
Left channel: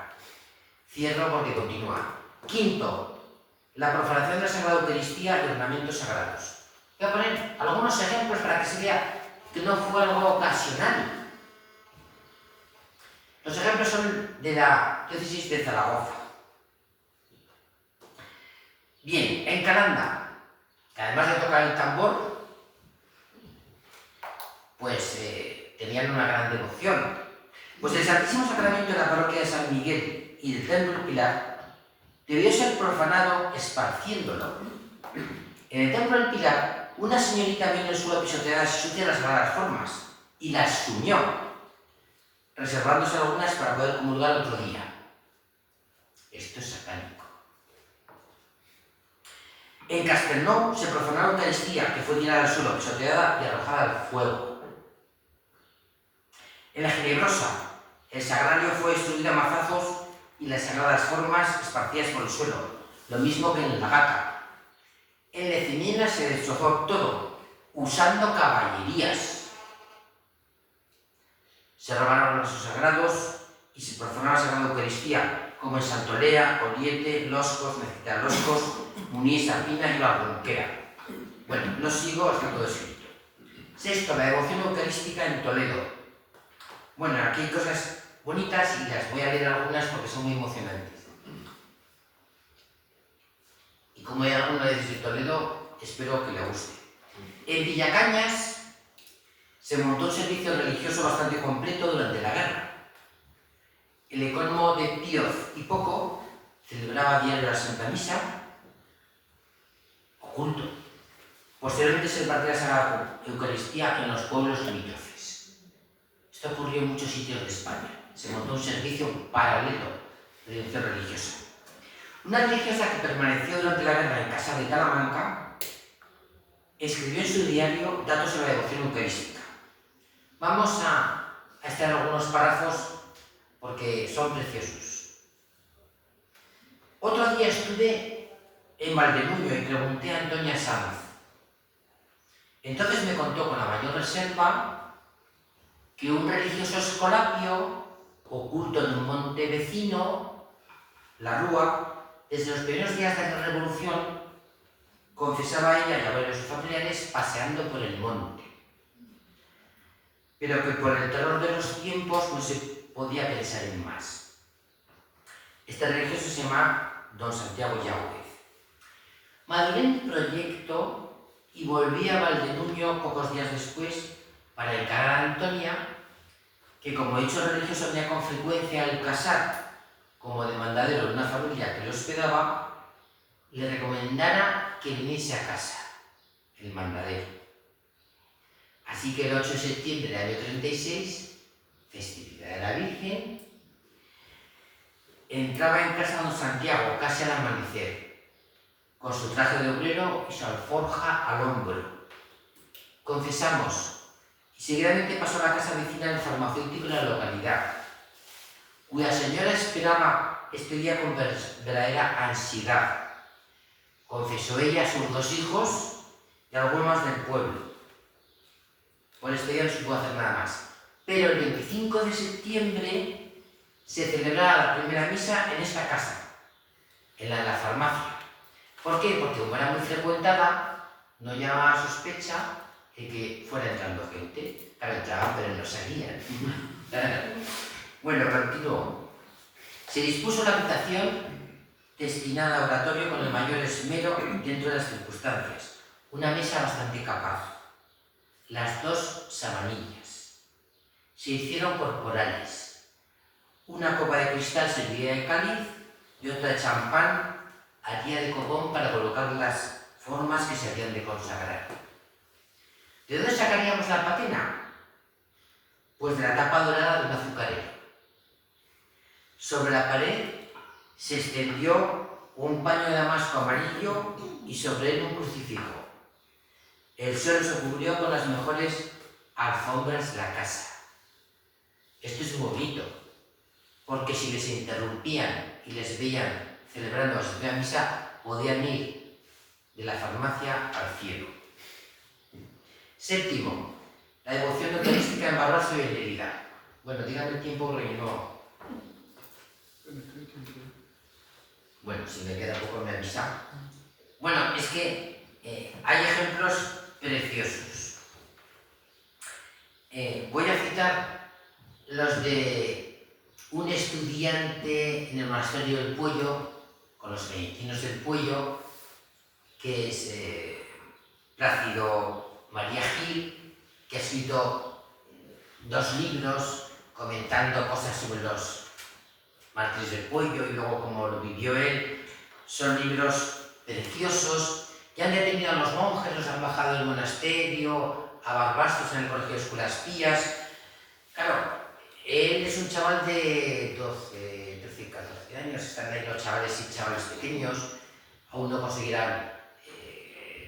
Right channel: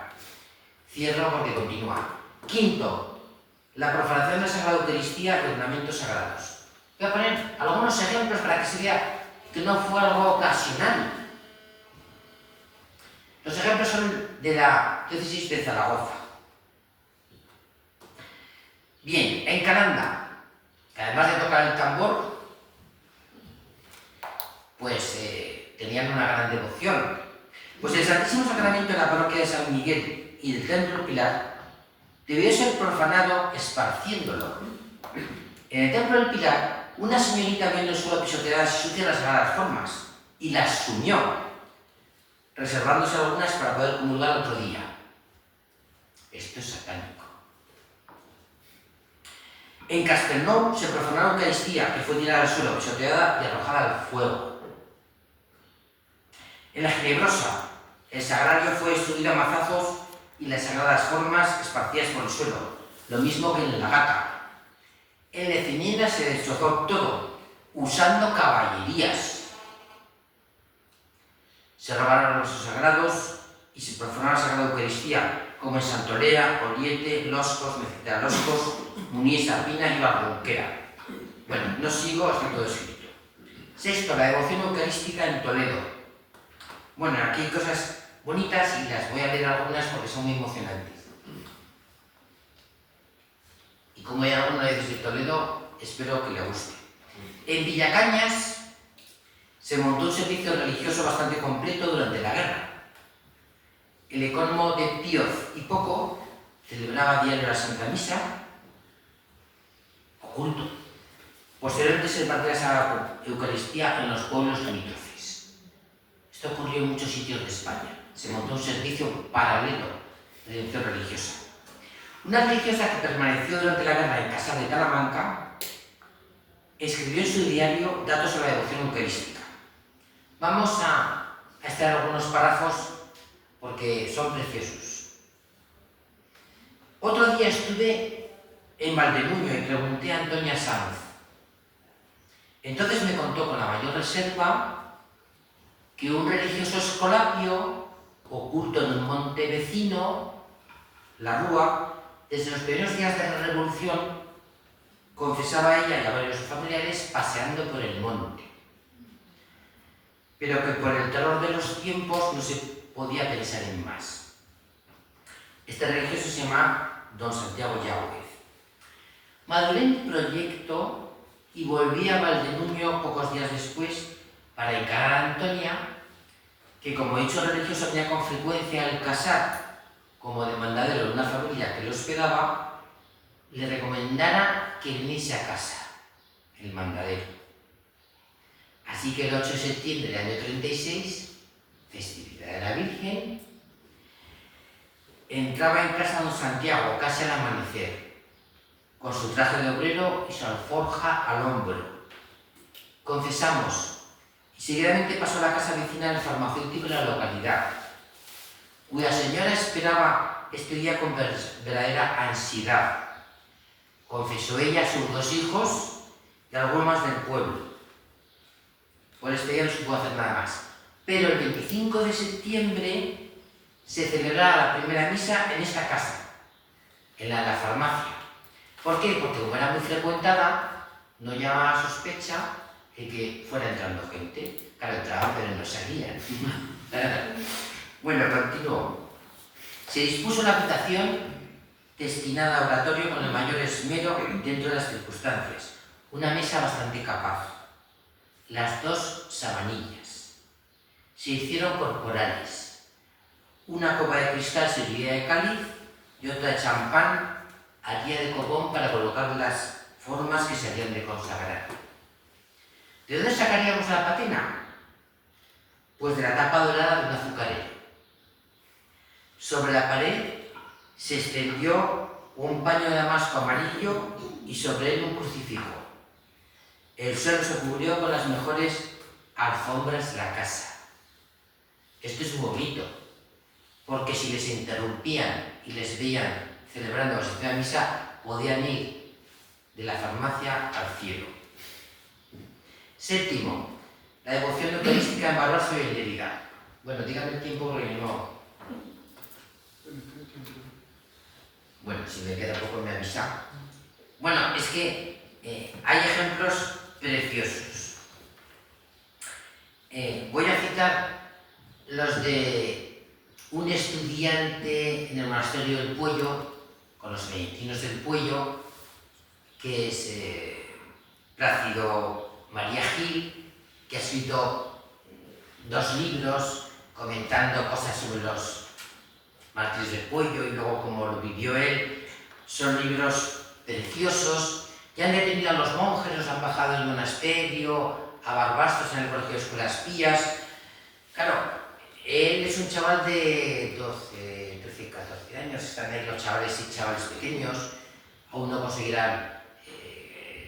cierro porque continúa. Quinto, la profanación de la Sagrada Eucaristía y ornamentos sagrados. Voy a poner algunos ejemplos para que se vea que no fue algo ocasional. Los ejemplos son de la diócesis de Zaragoza. Bien, en Calanda, además de tocar el tambor, pues tenían una gran devoción. Pues el Santísimo Sacramento de la parroquia de San Miguel y del Templo del Pilar debió ser profanado esparciéndolo. En el Templo del Pilar, una señorita vio en el suelo pisoteadas y sucias las sagradas formas y las sumió, reservándose algunas para poder comulgar otro día. Esto es satánico. En Castelnau se profanó la Eucaristía, que fue tirada al suelo, pisoteada y arrojada al fuego. En la Ginebrosa, el sagrario fue destruido a mazazos y las sagradas formas esparcidas por el suelo, lo mismo que en la Gata. En Lecimiena se destrozó todo, usando caballerías. Se robaron los restos sagrados y se profanó la Sagrada Eucaristía, como en Santolea, Oriente, Loscos, Mecita-Loscos, Munies, Arpina y Barronquera. Bueno, no sigo, está todo escrito. Sexto, la devoción eucarística en Toledo. Bueno, aquí hay cosas bonitas y las voy a leer algunas porque son muy emocionantes. Y como hay alguna vez de Toledo, espero que le guste. En Villacañas se montó un servicio religioso bastante completo durante la guerra. El economo de Pioz y Poco celebraba a diario la Santa Misa, oculto. Posteriormente se repartía la Sagrada Eucaristía en los pueblos limítrofes. Esto ocurrió en muchos sitios de España. Se montó un servicio paralelo de devoción religiosa. Una religiosa que permaneció durante la guerra en casa de Talamanca escribió en su diario datos sobre la devoción eucarística. Vamos a extraer algunos párrafos porque son preciosos. Otro día estuve en Valdenuño y pregunté a Antonia Sanz. Entonces me contó con la mayor reserva que un religioso escolapio, oculto en un monte vecino, la Rúa, desde los primeros días de la Revolución, confesaba a ella y a varios familiares paseando por el monte. Pero que por el terror de los tiempos no se podía pensar en más. Este religioso se llama Don Santiago Llauguez. Maduré el proyecto y volví a Valdenuño pocos días después para encarar a Antonia, que como hecho religioso venía con frecuencia al casar como demandadero de una familia que lo hospedaba, le recomendara que viniese a casa, el mandadero. Así que el 8 de septiembre del año 36, festividad de la Virgen, entraba en casa don Santiago casi al amanecer, con su traje de obrero y su alforja al hombro. Confesamos, y seguidamente pasó a la casa vecina del farmacéutico de la localidad, cuya señora esperaba este día con verdadera ansiedad. Confesó ella a sus 2 hijos y algunos más del pueblo. Por este día no se pudo hacer nada más. Pero el 25 de septiembre se celebraba la primera misa en esta casa, en la farmacia. ¿Por qué? Porque como era muy frecuentada, no llamaba sospecha de que fuera entrando gente. Claro, entraban, pero no salían. Bueno, continuó. Se dispuso la habitación destinada a oratorio con el mayor esmero dentro de las circunstancias. Una mesa bastante capaz. Las 2 sabanillas. Se hicieron corporales. Una copa de cristal servía de cáliz y otra de champán haría de copón para colocar las formas que se habían de consagrar. ¿De dónde sacaríamos la patena? Pues de la tapa dorada de un azucarero. Sobre la pared se extendió un paño de damasco amarillo y sobre él un crucifijo. El suelo se cubrió con las mejores alfombras de la casa. Esto es muy bonito, porque si les interrumpían y les veían celebrando la Santa Misa, podían ir de la farmacia al cielo. Séptimo, la devoción eucarística en Barroso y en Lérida. Bueno, dígame el tiempo porque no... Bueno, si me queda poco me avisa. Bueno, es que hay ejemplos preciosos. Voy a citar los de un estudiante en el monasterio del Puello, con los benedictinos del Puello, que es Plácido María Gil, que ha escrito 2 libros comentando cosas sobre los mártires del Puello y luego cómo lo vivió él. Son libros preciosos que han detenido a los monjes, los han bajado del monasterio, a barbastos en el colegio de escuelas pías. Claro, él es un chaval de 12, 13, 14 años, están ahí los chavales y chavales pequeños, aún no conseguirán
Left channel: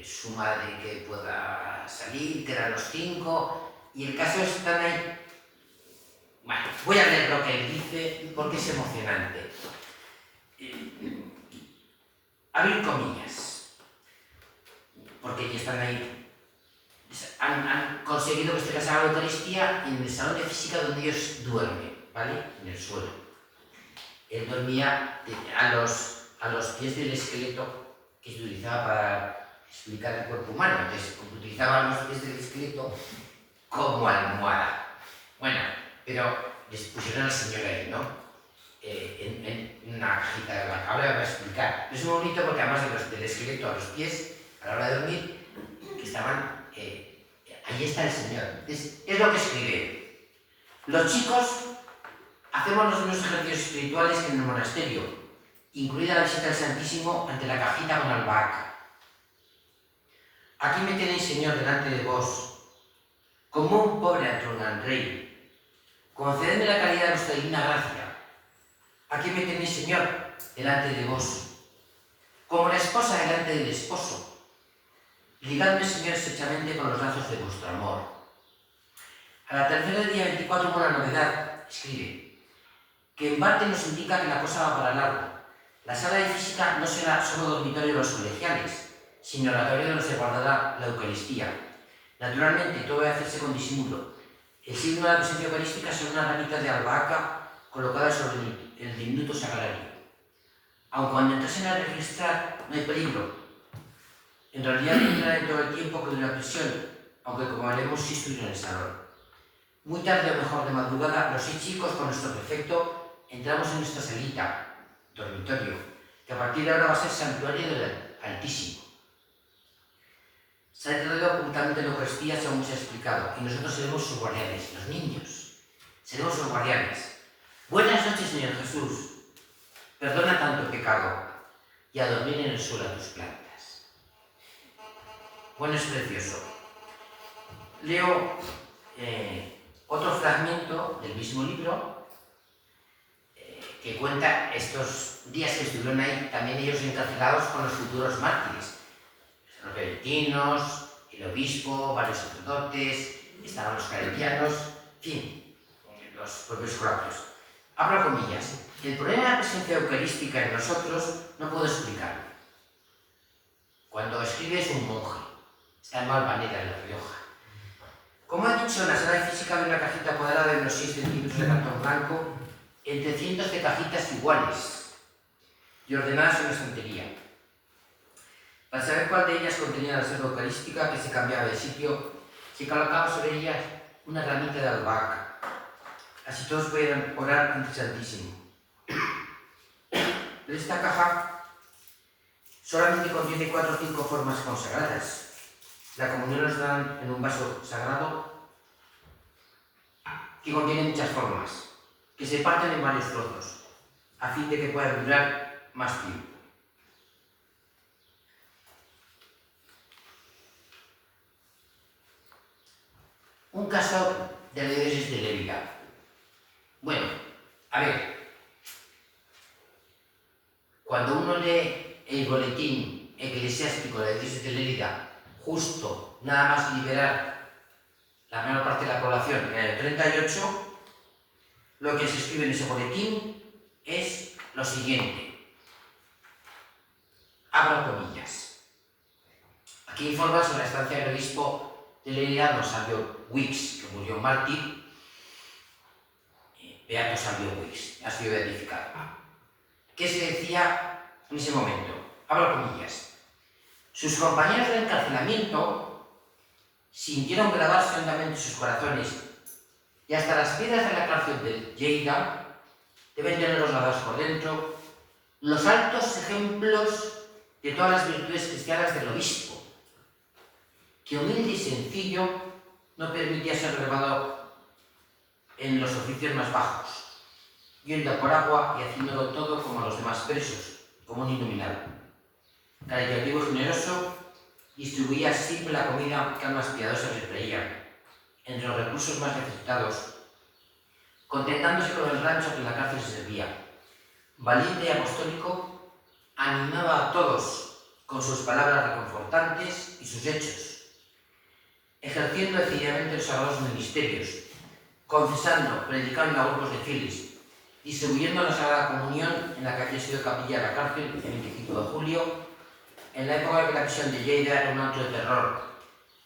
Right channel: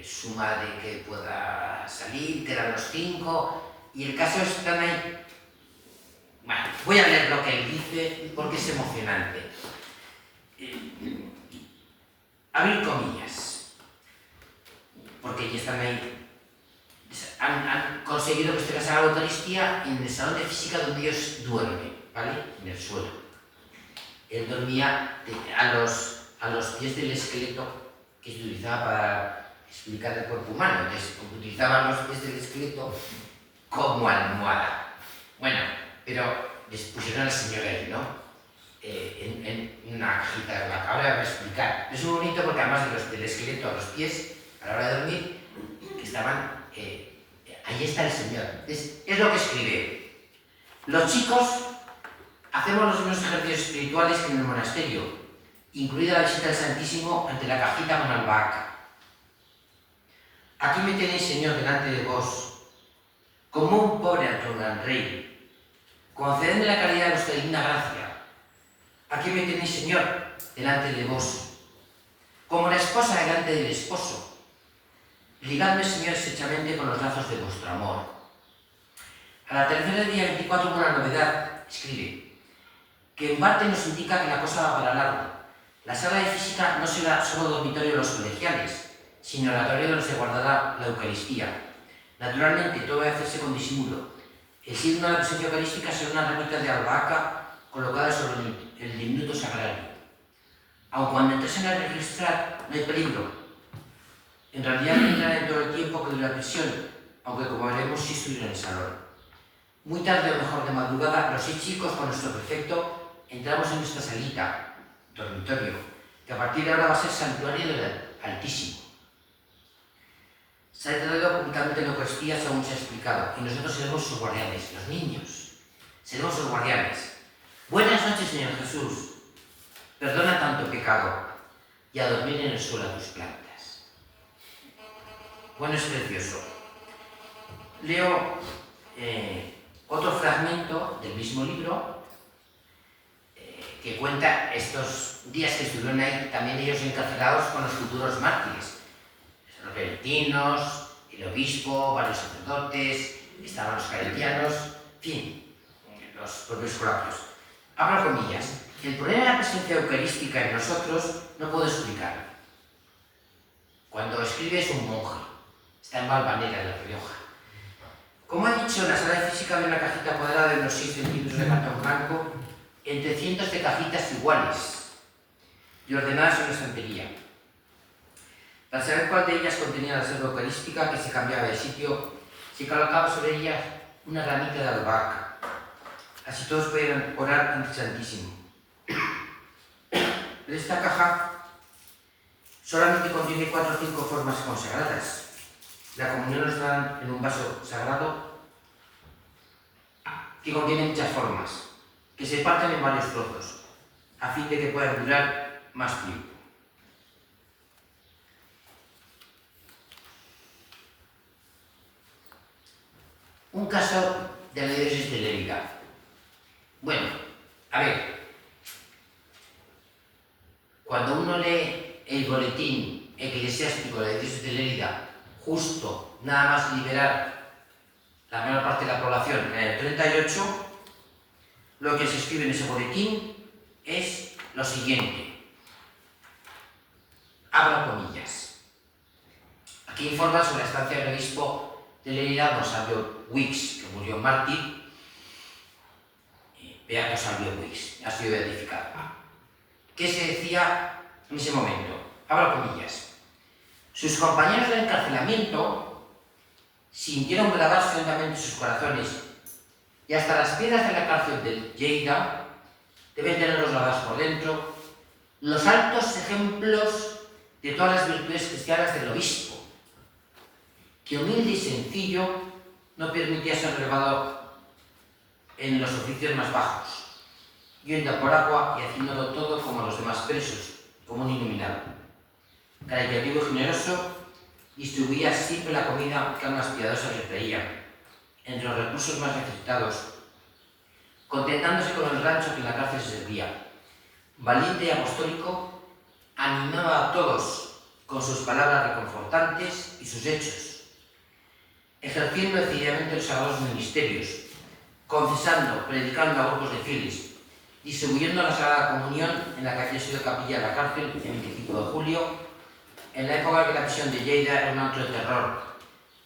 su madre que pueda salir, que eran los 5, y el caso están ahí. Bueno, voy a leer lo que él dice porque es emocionante. Abrir comillas, porque ya están ahí. Han conseguido que esté casada la Eucaristía en el salón de física donde ellos duermen, ¿vale? En el suelo. Él dormía a los pies del esqueleto que se utilizaba para explicar el cuerpo humano. Entonces, utilizaban los pies del esqueleto como almohada. Bueno, pero les pusieron al Señor ahí, ¿no? En una cajita de la cabra, va a explicar. Es muy bonito porque además del esqueleto a los pies, a la hora de dormir, que estaban... ahí está el Señor. Es lo que escribe. Los chicos hacemos los mismos ejercicios espirituales que en el monasterio, incluida la visita al Santísimo ante la cajita con albahaca. Aquí me tenéis, Señor, delante de vos, como un pobre ante un gran rey. Concededme la caridad de vuestra divina gracia. Aquí me tenéis, Señor, delante de vos, como la esposa delante del esposo. Ligadme, Señor, estrechamente con los lazos de vuestro amor. Al atardecer del día 24 hubo una novedad, escribe, que en parte nos indica que la cosa va para largo. La sala de física no será solo dormitorio de los colegiales, sino oratorio donde se guardará la Eucaristía. Naturalmente, todo debe hacerse con disimulo. El signo de la presencia eucarística será una ramita de albahaca colocada sobre el diminuto sagrario. Aun cuando entrasen a registrar, no hay peligro. En realidad entrará en todo el tiempo que dure la prisión, aunque como veremos sí estuvieron en el salón. Muy tarde o mejor de madrugada, los 6 chicos con nuestro prefecto entramos en nuestra salita, dormitorio, que a partir de ahora va a ser santuario del Altísimo. Se ha tratado ocultamente la Eucaristía según se ha explicado, y nosotros seremos sus guardianes, los niños. Seremos sus guardianes. Buenas noches, Señor Jesús. Perdona tanto pecado y a dormir en el suelo a tus plantas. Bueno, es precioso. Leo otro fragmento del mismo libro que cuenta estos días que estuvieron ahí, también ellos encarcelados con los futuros mártires. Los benedictinos, el obispo, varios sacerdotes, estaban los claretianos, en fin, los propios colapsos. Abro comillas. El problema de la presencia eucarística en nosotros no puedo explicarlo. Cuando escribe es un monje. Está en Valvanera, en La Rioja. Como he dicho, en la sala de física hay una cajita cuadrada de unos 6 centímetros de cartón blanco entre cientos de cajitas iguales y ordenadas en una estantería. Para saber cuál de ellas contenía la selva eucarística que se cambiaba de sitio, se colocaba sobre ellas una ramita de albahaca. Así todos podían orar ante el Santísimo. Pero esta caja solamente contiene 4 o 5 formas consagradas. La comunión nos da en un vaso sagrado que contiene muchas formas, que se parten en varios trozos, a fin de que puedan durar más tiempo. Un caso de la diócesis de Lérida. Bueno, a ver, cuando uno lee el boletín eclesiástico de la diócesis de Lérida, justo nada más liberar la menor parte de la población en el 38, lo que se escribe en ese boletín es lo siguiente. Abro comillas. Aquí informa sobre la estancia del obispo de Lérida, don Salvio Wix, que murió mártir. Beato Salvio Wix, ha sido beatificado. ¿Qué se decía en ese momento? Abro comillas. Sus compañeros de encarcelamiento sintieron grabarse hondamente sus corazones y hasta las piedras de la cárcel de Lleida deben tenerlos grabados por dentro los altos ejemplos de todas las virtudes cristianas del obispo, que humilde y sencillo no permitía ser relevado en los oficios más bajos, yendo por agua y haciéndolo todo como los demás presos, como un iluminado. Caritativo y generoso, distribuía siempre la comida que almas piadosas le traían, entre los recursos más necesitados, contentándose con el rancho que en la cárcel se servía. Valiente y apostólico, animaba a todos con sus palabras reconfortantes y sus hechos, ejerciendo decididamente los sagrados ministerios, confesando, predicando a grupos de fieles, distribuyendo la Sagrada Comunión en la que había sido capilla de la cárcel el 25 de julio, en la época en que la prisión de Lleida era un acto de terror,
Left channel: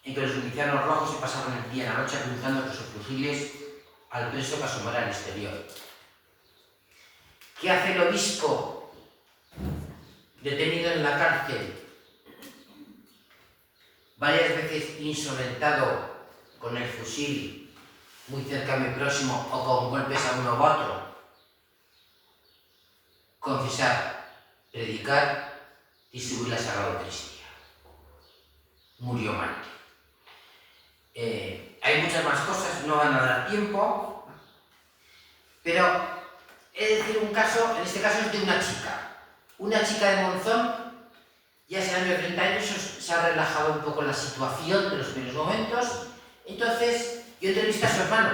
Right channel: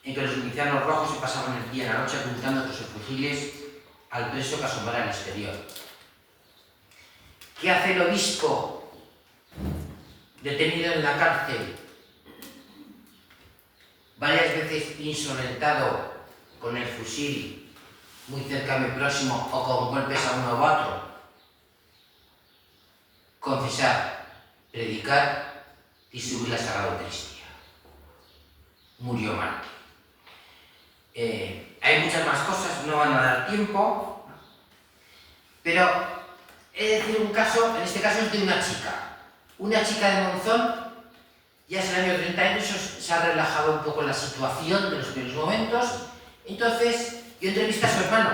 en que los milicianos rojos se pasaban el día y la noche apuntando con sus fusiles al preso que asomara al exterior. ¿Qué hace el obispo detenido en la cárcel, varias veces insolentado con el fusil muy cerca, muy próximo, o con golpes a uno u otro? Confesar, predicar, distribuir la Sagrada Eucaristía. Murió mártir. Hay muchas más cosas, no van a dar tiempo, pero he de decir un caso, en este caso es de una chica de Monzón. Ya es el año 30 años, se ha relajado un poco la situación de los primeros momentos. Entonces, yo entrevisté a su hermano.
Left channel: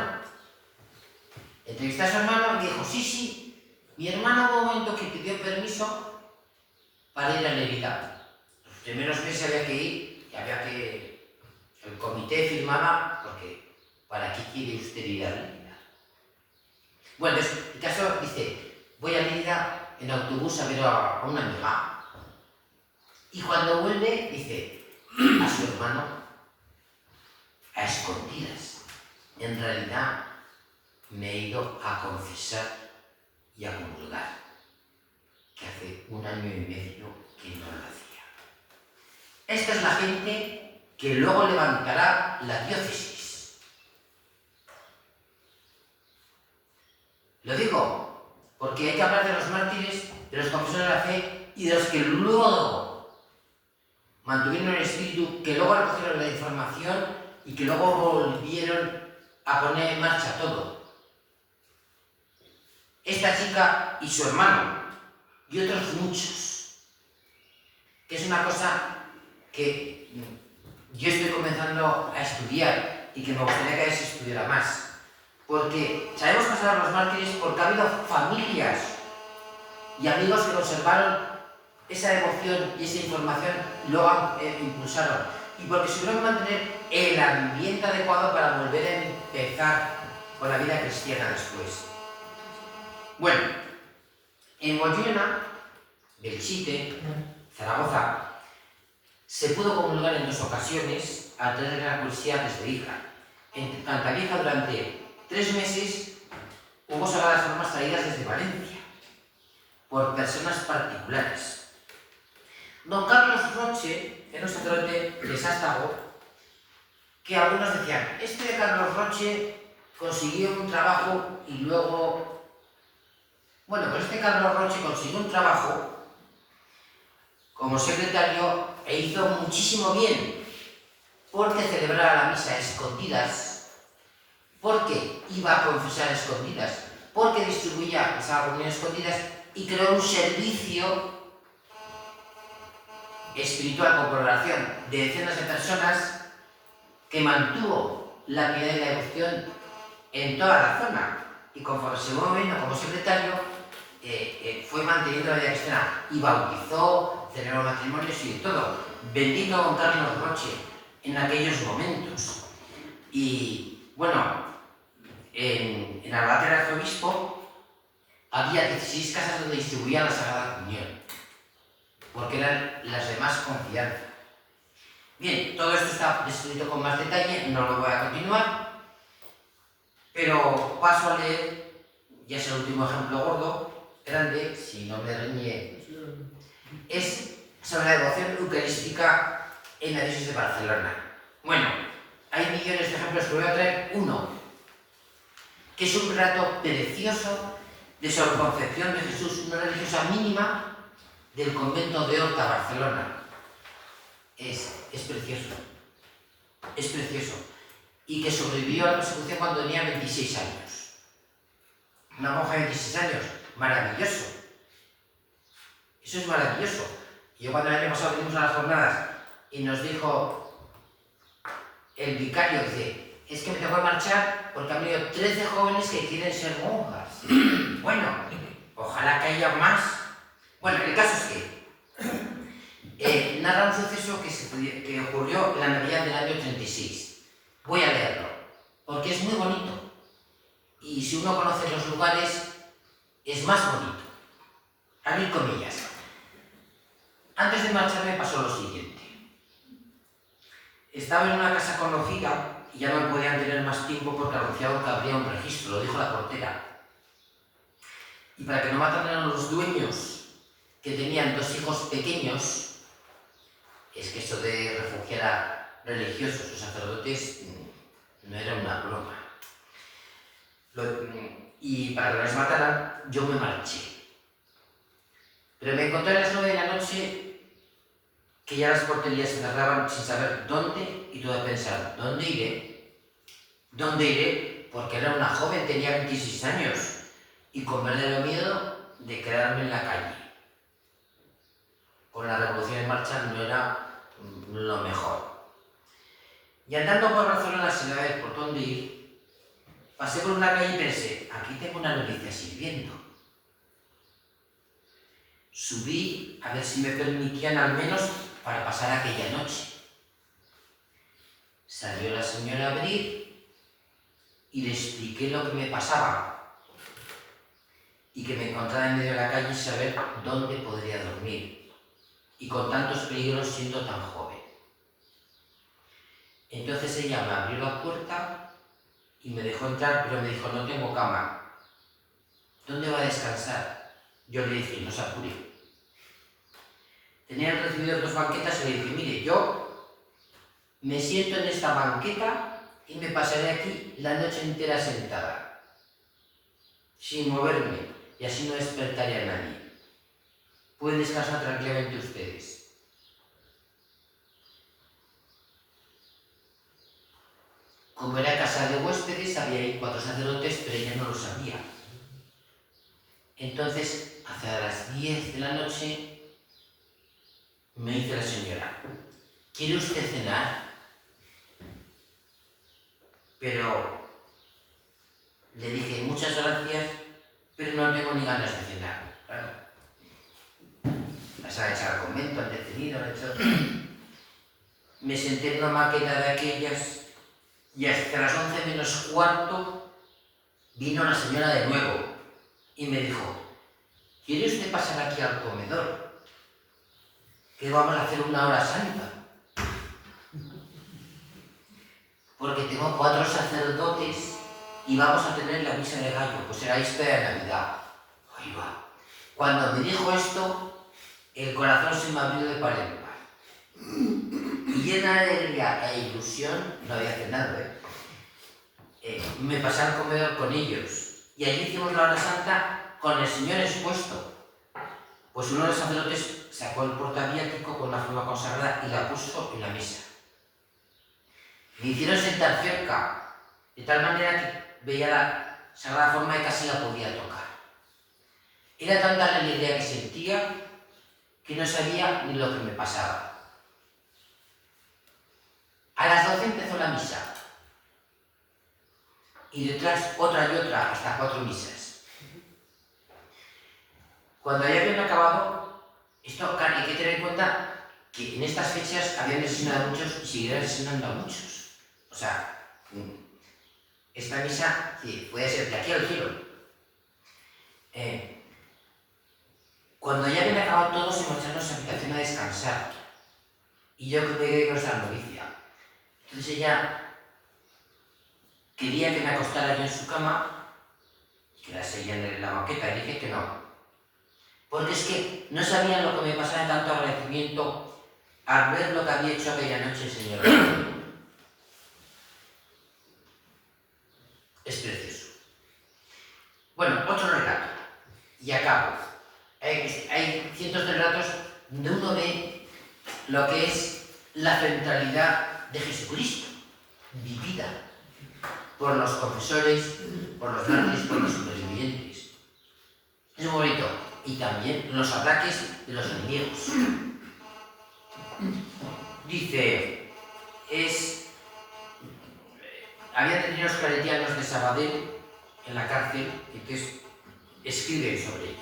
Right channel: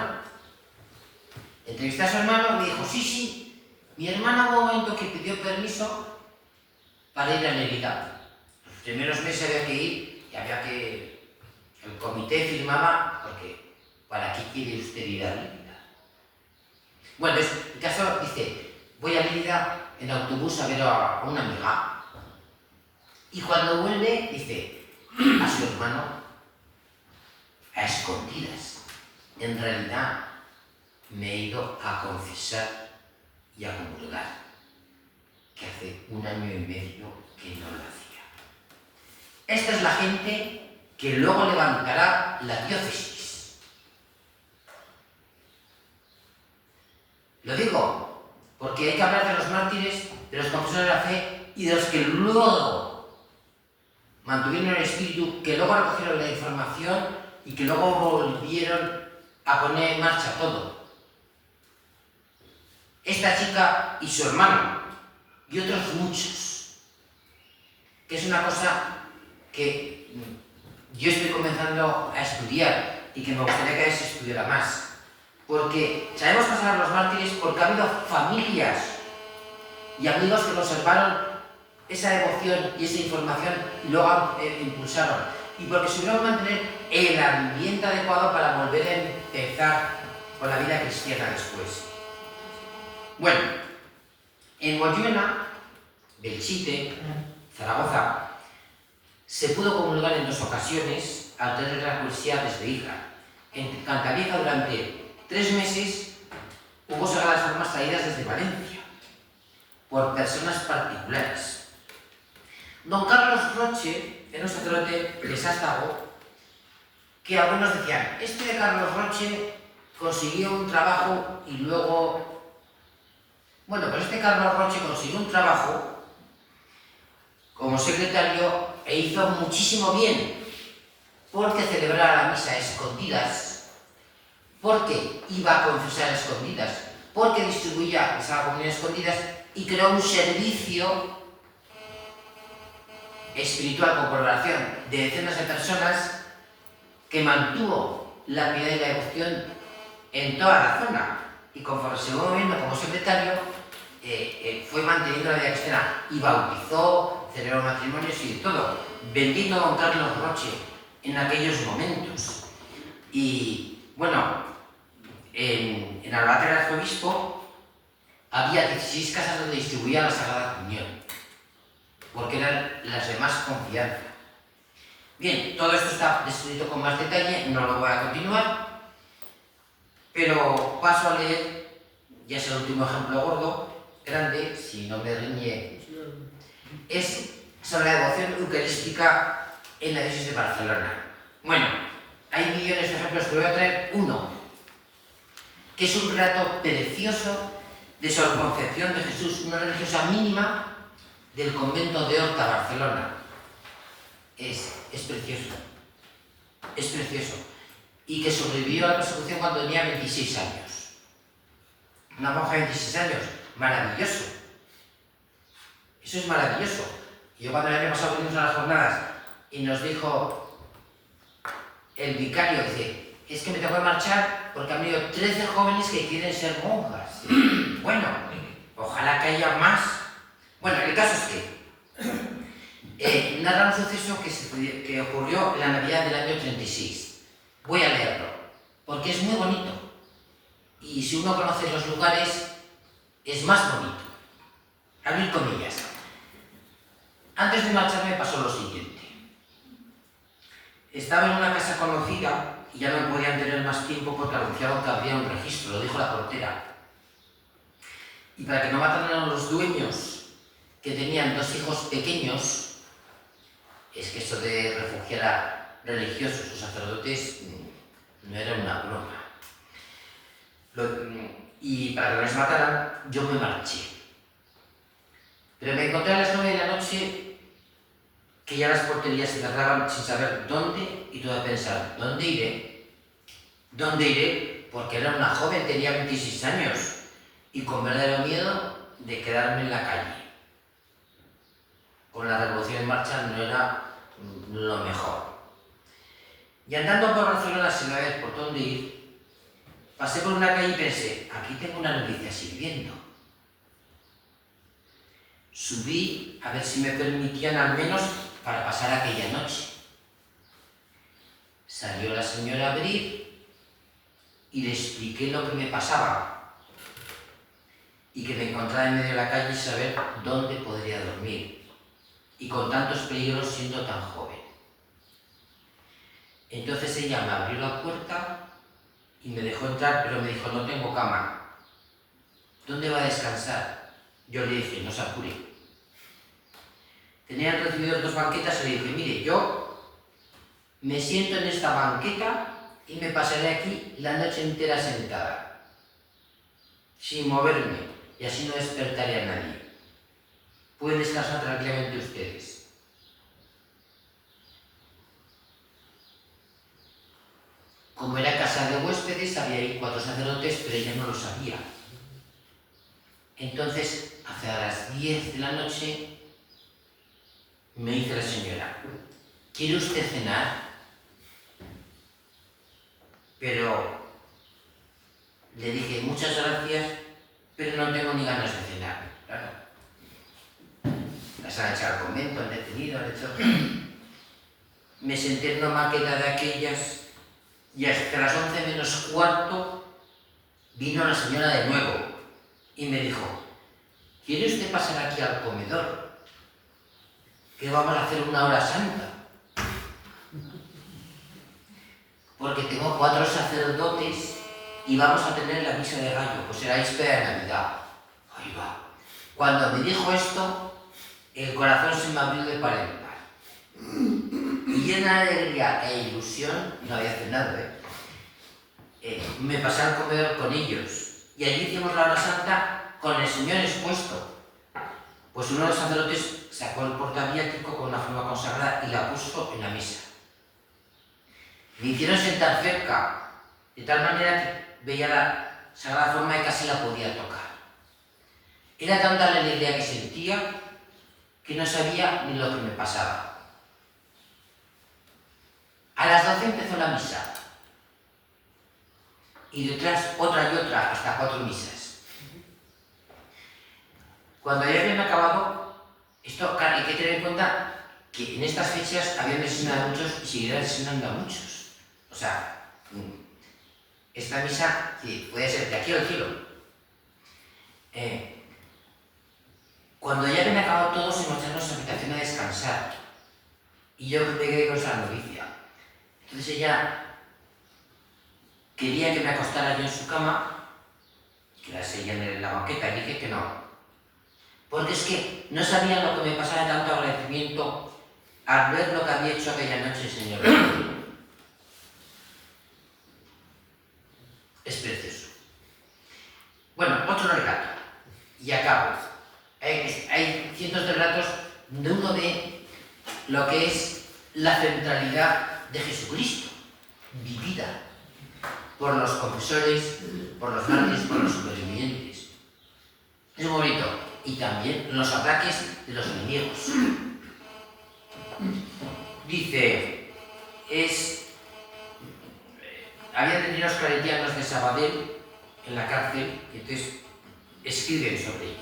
Entrevisté a su hermano y me dijo, sí, mi hermano hubo un momento que pidió permiso para ir a Lérida. Los primeros meses había que ir y había que... El comité firmaba porque ¿para qué quiere usted ir a Lérida? Bueno, entonces, el caso dice, voy a Lérida en autobús a ver a una amiga. Y cuando vuelve, dice a su hermano, a escondidas, en realidad me he ido a confesar y a comulgar, que hace 1 año y medio que no lo hacía. Esta es la gente que luego levantará la diócesis. Lo digo porque hay que hablar de los mártires, de los confesores de la fe y de los que luego mantuvieron el espíritu, que luego recogieron la información y que luego volvieron a poner en marcha todo. Esta chica y su hermano, y otros muchos, que es una cosa que yo estoy comenzando a estudiar y que me gustaría que a veces se estudiara más, porque sabemos pasar a los mártires porque ha habido familias y amigos que conservaron esa devoción y esa información y luego impulsaron, y porque supieron mantener el ambiente adecuado para volver a empezar con la vida cristiana después. Bueno, en Moyuela, Belchite, Zaragoza, se pudo comulgar en 2 ocasiones al tener la curiosidad desde hija. En Cantavieja durante 3 meses hubo sagradas formas traídas desde Valencia por personas particulares. Don Carlos Roche era un sacerdote de Sástago que algunos decían, este de Carlos Roche consiguió un trabajo y luego... Bueno, pues este Carlos Roche consiguió un trabajo como secretario e hizo muchísimo bien, porque celebraba la misa a escondidas, porque iba a confesar a escondidas, porque distribuía esa comunión a escondidas y creó un servicio espiritual con colaboración de decenas de personas que mantuvo la piedad y la devoción en toda la zona, y conforme se fue moviendo como secretario fue manteniendo la vida cristiana y bautizó, celebró matrimonios y todo. Bendito don Carlos Roche en aquellos momentos. Y bueno, en Albacete del Arzobispo había 16 casas donde distribuía la Sagrada Comunión, porque eran las de más confianza. Bien, todo esto está descrito con más detalle, no lo voy a continuar, pero paso a leer, ya es el último ejemplo gordo, grande, si no me riñe, es sobre la devoción eucarística en la diócesis de Barcelona. Bueno, hay millones de ejemplos, pero voy a traer uno, que es un relato precioso de su concepción de Jesús, una religiosa mínima del convento de Horta, Barcelona. Es precioso, es precioso, y que sobrevivió a la persecución cuando tenía 26 años. Una monja de 26 años, maravilloso. Eso es maravilloso. Yo cuando el año pasado vinimos a las jornadas y nos dijo el vicario, dice, es que me tengo que marchar porque han venido 13 jóvenes que quieren ser monjas. Bueno, ojalá que haya más. Bueno, el caso es que narra un suceso que ocurrió en la Navidad del año 36. Voy a leerlo, porque es muy bonito. Y si uno conoce los lugares, es más bonito. Abrir comillas. Antes de marcharme pasó lo siguiente. Estaba en una casa conocida y ya no me podían tener más tiempo porque anunciaron que habría un registro, lo dijo la portera. Y para que no mataran a los dueños, que tenían 2 hijos pequeños, es que eso de refugiar a religiosos o sacerdotes no era una broma. Y para que no les mataran, yo me marché. Pero me encontré a las 9 de la noche que ya las porterías se cerraban sin saber dónde, y tuve que pensar, ¿dónde iré? ¿Dónde iré? Porque era una joven, tenía 26 años, y con verdadero miedo de quedarme en la calle. Con la revolución en marcha no era lo mejor. Y andando por Barcelona sin saber por dónde ir, pasé por una calle y pensé, aquí tengo una novicia sirviendo. Subí a ver si me permitían al menos para pasar aquella noche. Salió la señora a abrir y le expliqué lo que me pasaba y que me encontraba en medio de la calle y saber dónde podría dormir, y con tantos peligros siendo tan joven. Entonces ella me abrió la puerta y me dejó entrar, pero me dijo, no tengo cama. ¿Dónde va a descansar? Yo le dije, no se apure. Tenían recibido 2 banquetas y le dije, mire, yo me siento en esta banqueta y me pasaré aquí la noche entera sentada, sin moverme, y así no despertaré a nadie. Pueden descansar tranquilamente ustedes. Como era casa de huéspedes, había ahí 4 sacerdotes, pero ella no lo sabía. Entonces, hacia las 10 de la noche, me dice la señora, ¿quiere usted cenar? Pero le dije, muchas gracias, pero no tengo ni ganas de cenar. Claro. Las han echado al convento, han detenido, han hecho... Me senté en una maqueta de aquellas y hasta las 11 menos cuarto vino la señora de nuevo y me dijo, ¿quiere usted pasar aquí al comedor? Que vamos a hacer una hora santa. Porque tengo 4 sacerdotes y vamos a tener la misa de gallo, pues era víspera de Navidad. Ahí va. Cuando me dijo esto, el corazón se me abrió de par en par. Y llena de alegría e ilusión, no había cenado, me pasé al comedor con ellos. Y allí hicimos la hora santa con el Señor expuesto. Pues uno de los sacerdotes sacó el portaviático con una forma consagrada y la puso en la mesa. Me hicieron sentar cerca, de tal manera que veía la sagrada forma y casi la podía tocar. Era tanta la alegría que sentía que no sabía ni lo que me pasaba. A las 12 empezó la misa. Y detrás otra y otra, hasta 4 misas. Cuando ya habían acabado, esto, claro, hay que tener en cuenta que en estas fechas habían asesinado a muchos y seguirán asesinando a muchos. O sea, esta misa, sí, puede ser de aquí al cielo. Cuando ya habían acabado todos, se marcharon a su habitación a descansar. Y yo me quedé con esa novicia. Entonces ella quería que me acostara yo en su cama y quedase ella en la banqueta, y dije que no. Porque es que no sabían lo que me pasaba de tanto agradecimiento al ver lo que había hecho aquella noche el Señor. Es precioso. Bueno, otro relato. Y acabo. Hay cientos de relatos de uno de lo que es la centralidad de Jesucristo, vivida por los confesores, por los mártires, por los supervivientes. Es muy bonito. Y también los ataques de los enemigos. Dice, había detenidos claretianos de Sabadell en la cárcel, y entonces escriben sobre ellos.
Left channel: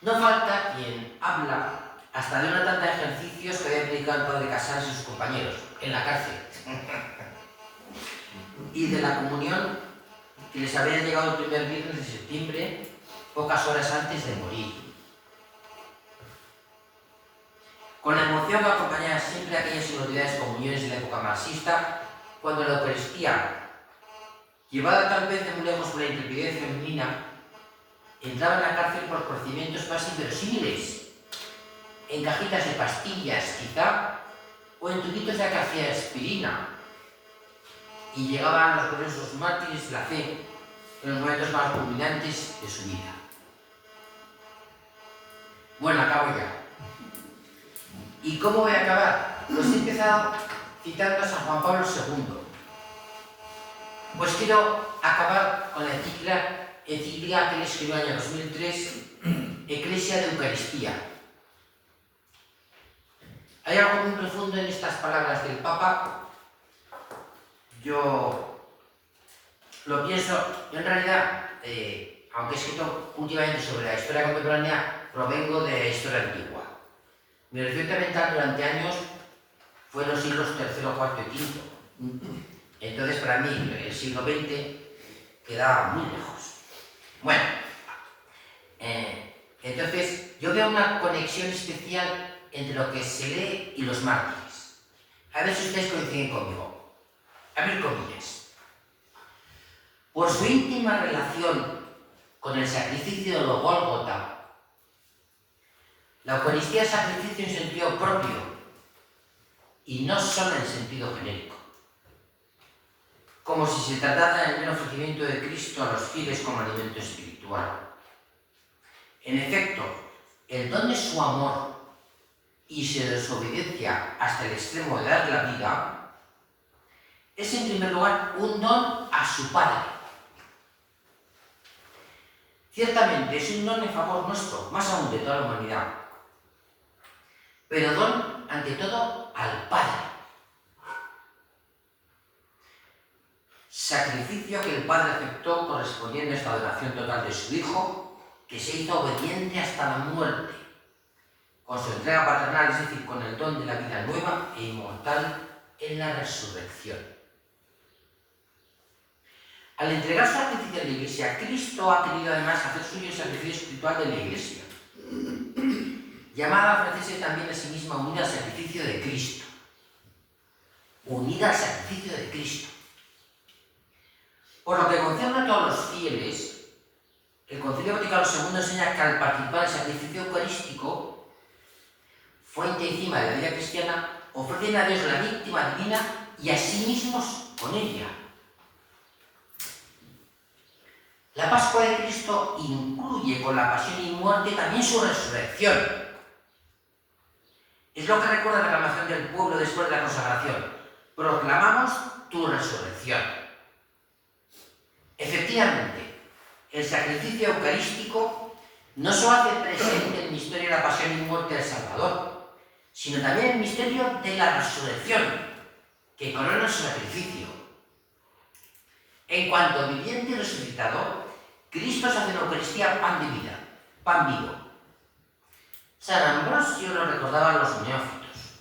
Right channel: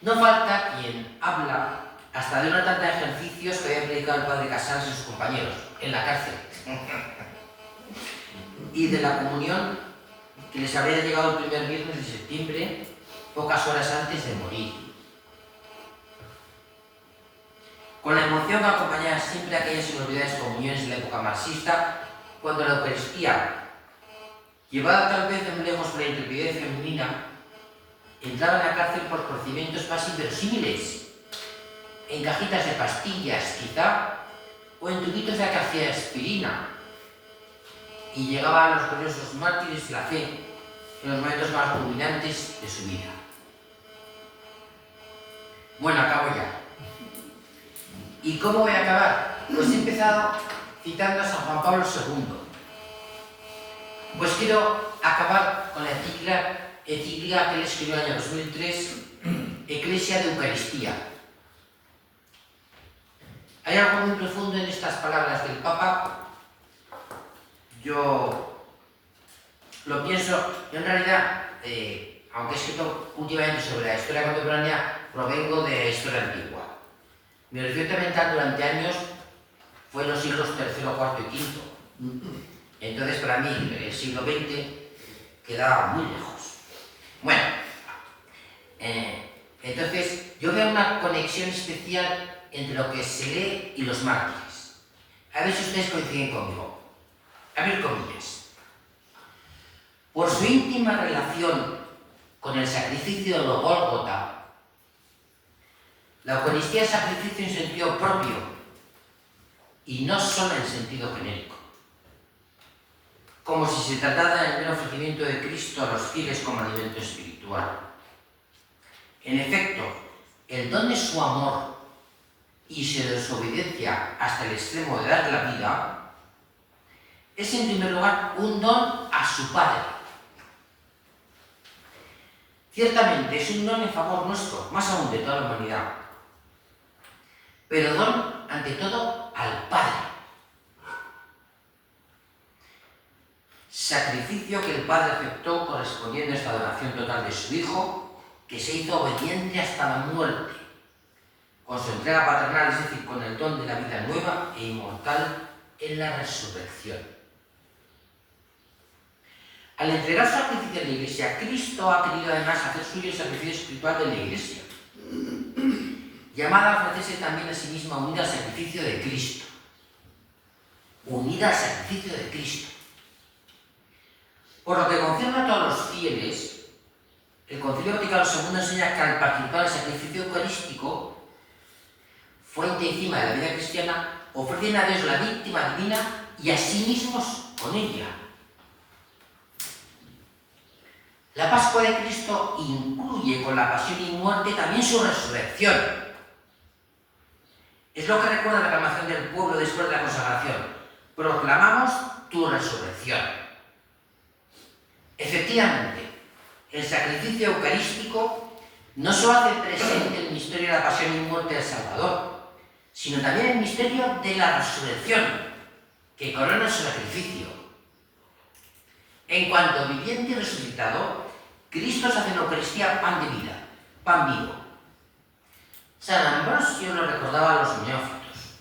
No falta quien habla hasta de una tanta de ejercicios que había predicado el padre Casals y sus compañeros, en la cárcel. Y de la comunión que les habría llegado el primer viernes de septiembre, pocas horas antes de morir. Con la emoción que acompañaba siempre aquellas inolvidables comuniones de la época marxista, cuando la Eucaristía, llevada tal vez de muy lejos por la intrepidez femenina, entraba en la cárcel por procedimientos más inverosímiles, en cajitas de pastillas, quizá, o en tubitos de aspirina, y llegaba a los gloriosos mártires de la fe en los momentos más culminantes de su vida. Bueno, acabo ya. ¿Y cómo voy a acabar? Pues he empezado citando a San Juan Pablo II. Pues quiero acabar con la encíclica que él escribió en el año 2003, Ecclesia de Eucaristía. Hay algo muy profundo en estas palabras del Papa. Yo lo pienso, yo en realidad, aunque he escrito últimamente sobre la historia contemporánea, provengo de la historia antigua. Mi horizonte mental durante años fue en los siglos III, IV y V. Entonces, para mí, el siglo XX quedaba muy lejos. Bueno, entonces, yo veo una conexión especial entre lo que se lee y los mártires. A ver si ustedes coinciden conmigo. Abrir comillas. Por su íntima relación con el sacrificio de lo Gólgota, la Eucaristía es sacrificio en sentido propio y no solo en sentido genérico. Como si se tratara del mero ofrecimiento de Cristo a los fieles como alimento espiritual. En efecto, el don de su amor y su desobediencia hasta el extremo de dar la vida es en primer lugar un don a su Padre. Ciertamente es un don en favor nuestro, más aún de toda la humanidad, pero don ante todo al Padre. Sacrificio que el Padre aceptó correspondiendo a esta adoración total de su Hijo, que se hizo obediente hasta la muerte, con su entrega paternal, es decir, con el don de la vida nueva e inmortal en la resurrección. Al entregar su sacrificio a la Iglesia, Cristo ha querido además hacer suyo el sacrificio espiritual de la Iglesia, llamada a ofrecerse también a sí misma unida al sacrificio de Cristo. Unida al sacrificio de Cristo. Por lo que concierne a todos los fieles, el Concilio Vaticano II enseña que al participar en el sacrificio eucarístico, fuente y cima de la vida cristiana, ofrecen a Dios la víctima divina y a sí mismos con ella. La Pascua de Cristo incluye con la pasión y muerte también su resurrección. Es lo que recuerda la aclamación del pueblo después de la consagración. Proclamamos tu resurrección. Efectivamente, el sacrificio eucarístico no solo hace presente el misterio de la pasión y muerte del Salvador, sino también el misterio de la resurrección, que corona su sacrificio. En cuanto viviente y resucitado, Cristo se hace en la Eucaristía pan de vida, pan vivo. San Ambrosio lo recordaba a los neófitos,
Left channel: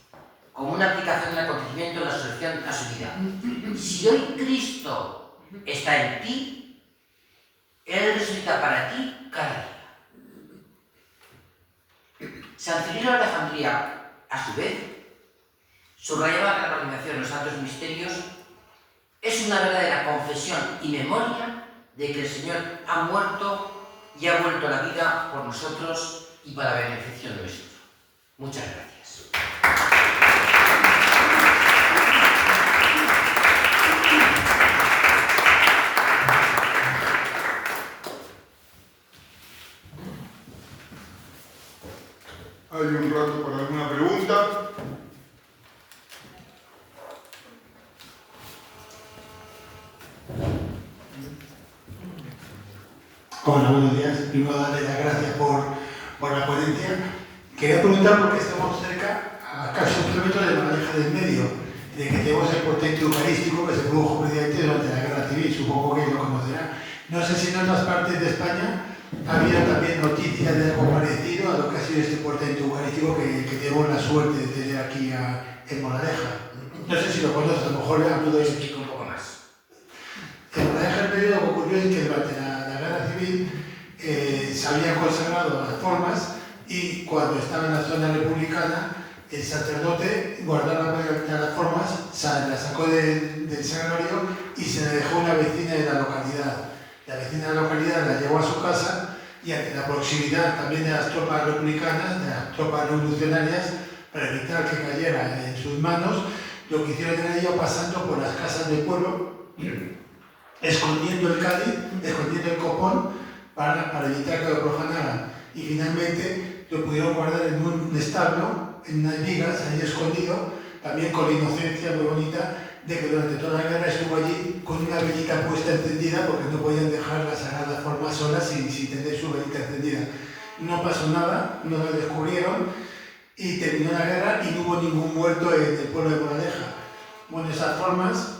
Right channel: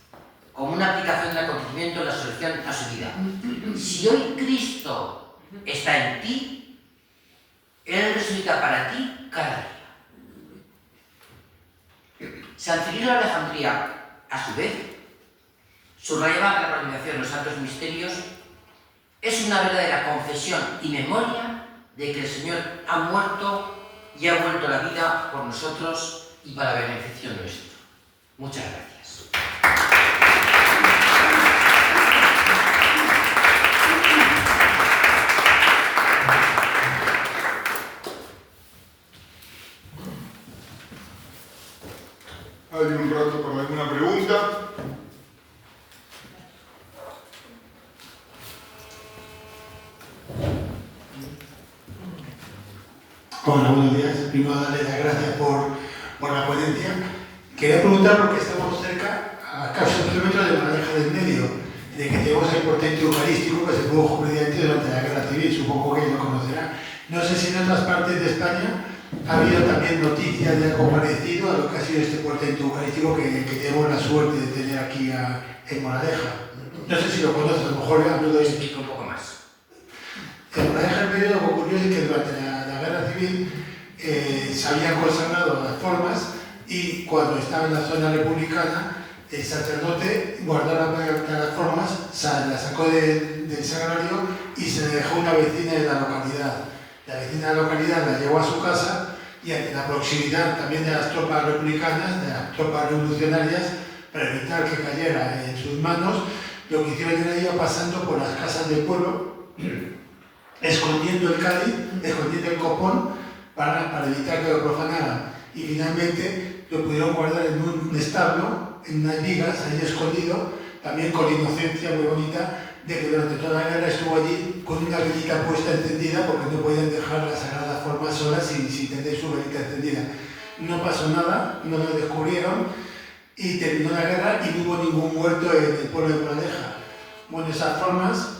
como una aplicación del acontecimiento de la resurrección a su vida. Si hoy Cristo está en ti, Él resucita para ti cada día. San Cirilo de Alejandría, a su vez, subrayaba que la participación en los santos misterios es una verdadera confesión y memoria de que el Señor ha muerto y ha vuelto a la vida por nosotros y para beneficio nuestro. Muchas gracias. Hay un rato para alguna pregunta. Hola, buenos días. Primero darle las gracias por la ponencia. Quería preguntar, porque estamos cerca, a casi 1 kilómetro de Moraleja del Medio, de que tenemos el portento eucarístico que se produjo precisamente durante la Guerra Civil, supongo que lo conocerá. No sé si en otras partes de España ha habido también noticias de algo parecido a lo que ha sido este portento eucarístico que tenemos la suerte de tener aquí en Moraleja. No sé si lo conoces, a lo mejor le hablo de... Explico un poco más. En Moraleja el periodo que ocurrió es que durante la Guerra Civil se habían consagrado las formas y cuando estaba en la zona republicana el sacerdote guardó las formas, las sacó del sagrario y se le dejó a una vecina de la localidad. La vecina de la localidad la llevó a su casa y ante la proximidad también de las tropas republicanas, de las tropas revolucionarias, para evitar que cayera en sus manos, lo que hicieron era ir pasando por las casas del pueblo, escondiendo el cáliz, escondiendo el copón, para evitar que lo profanaran. Y finalmente lo pudieron guardar en un establo, en unas vigas, ahí escondido, también con la inocencia muy bonita de que durante toda la guerra estuvo allí con una velita puesta encendida porque no podían dejar la sagrada forma sola sin tener su velita encendida. No pasó nada, no lo descubrieron y terminó la guerra y no hubo ningún muerto en el pueblo de Moraleja. Bueno, esas formas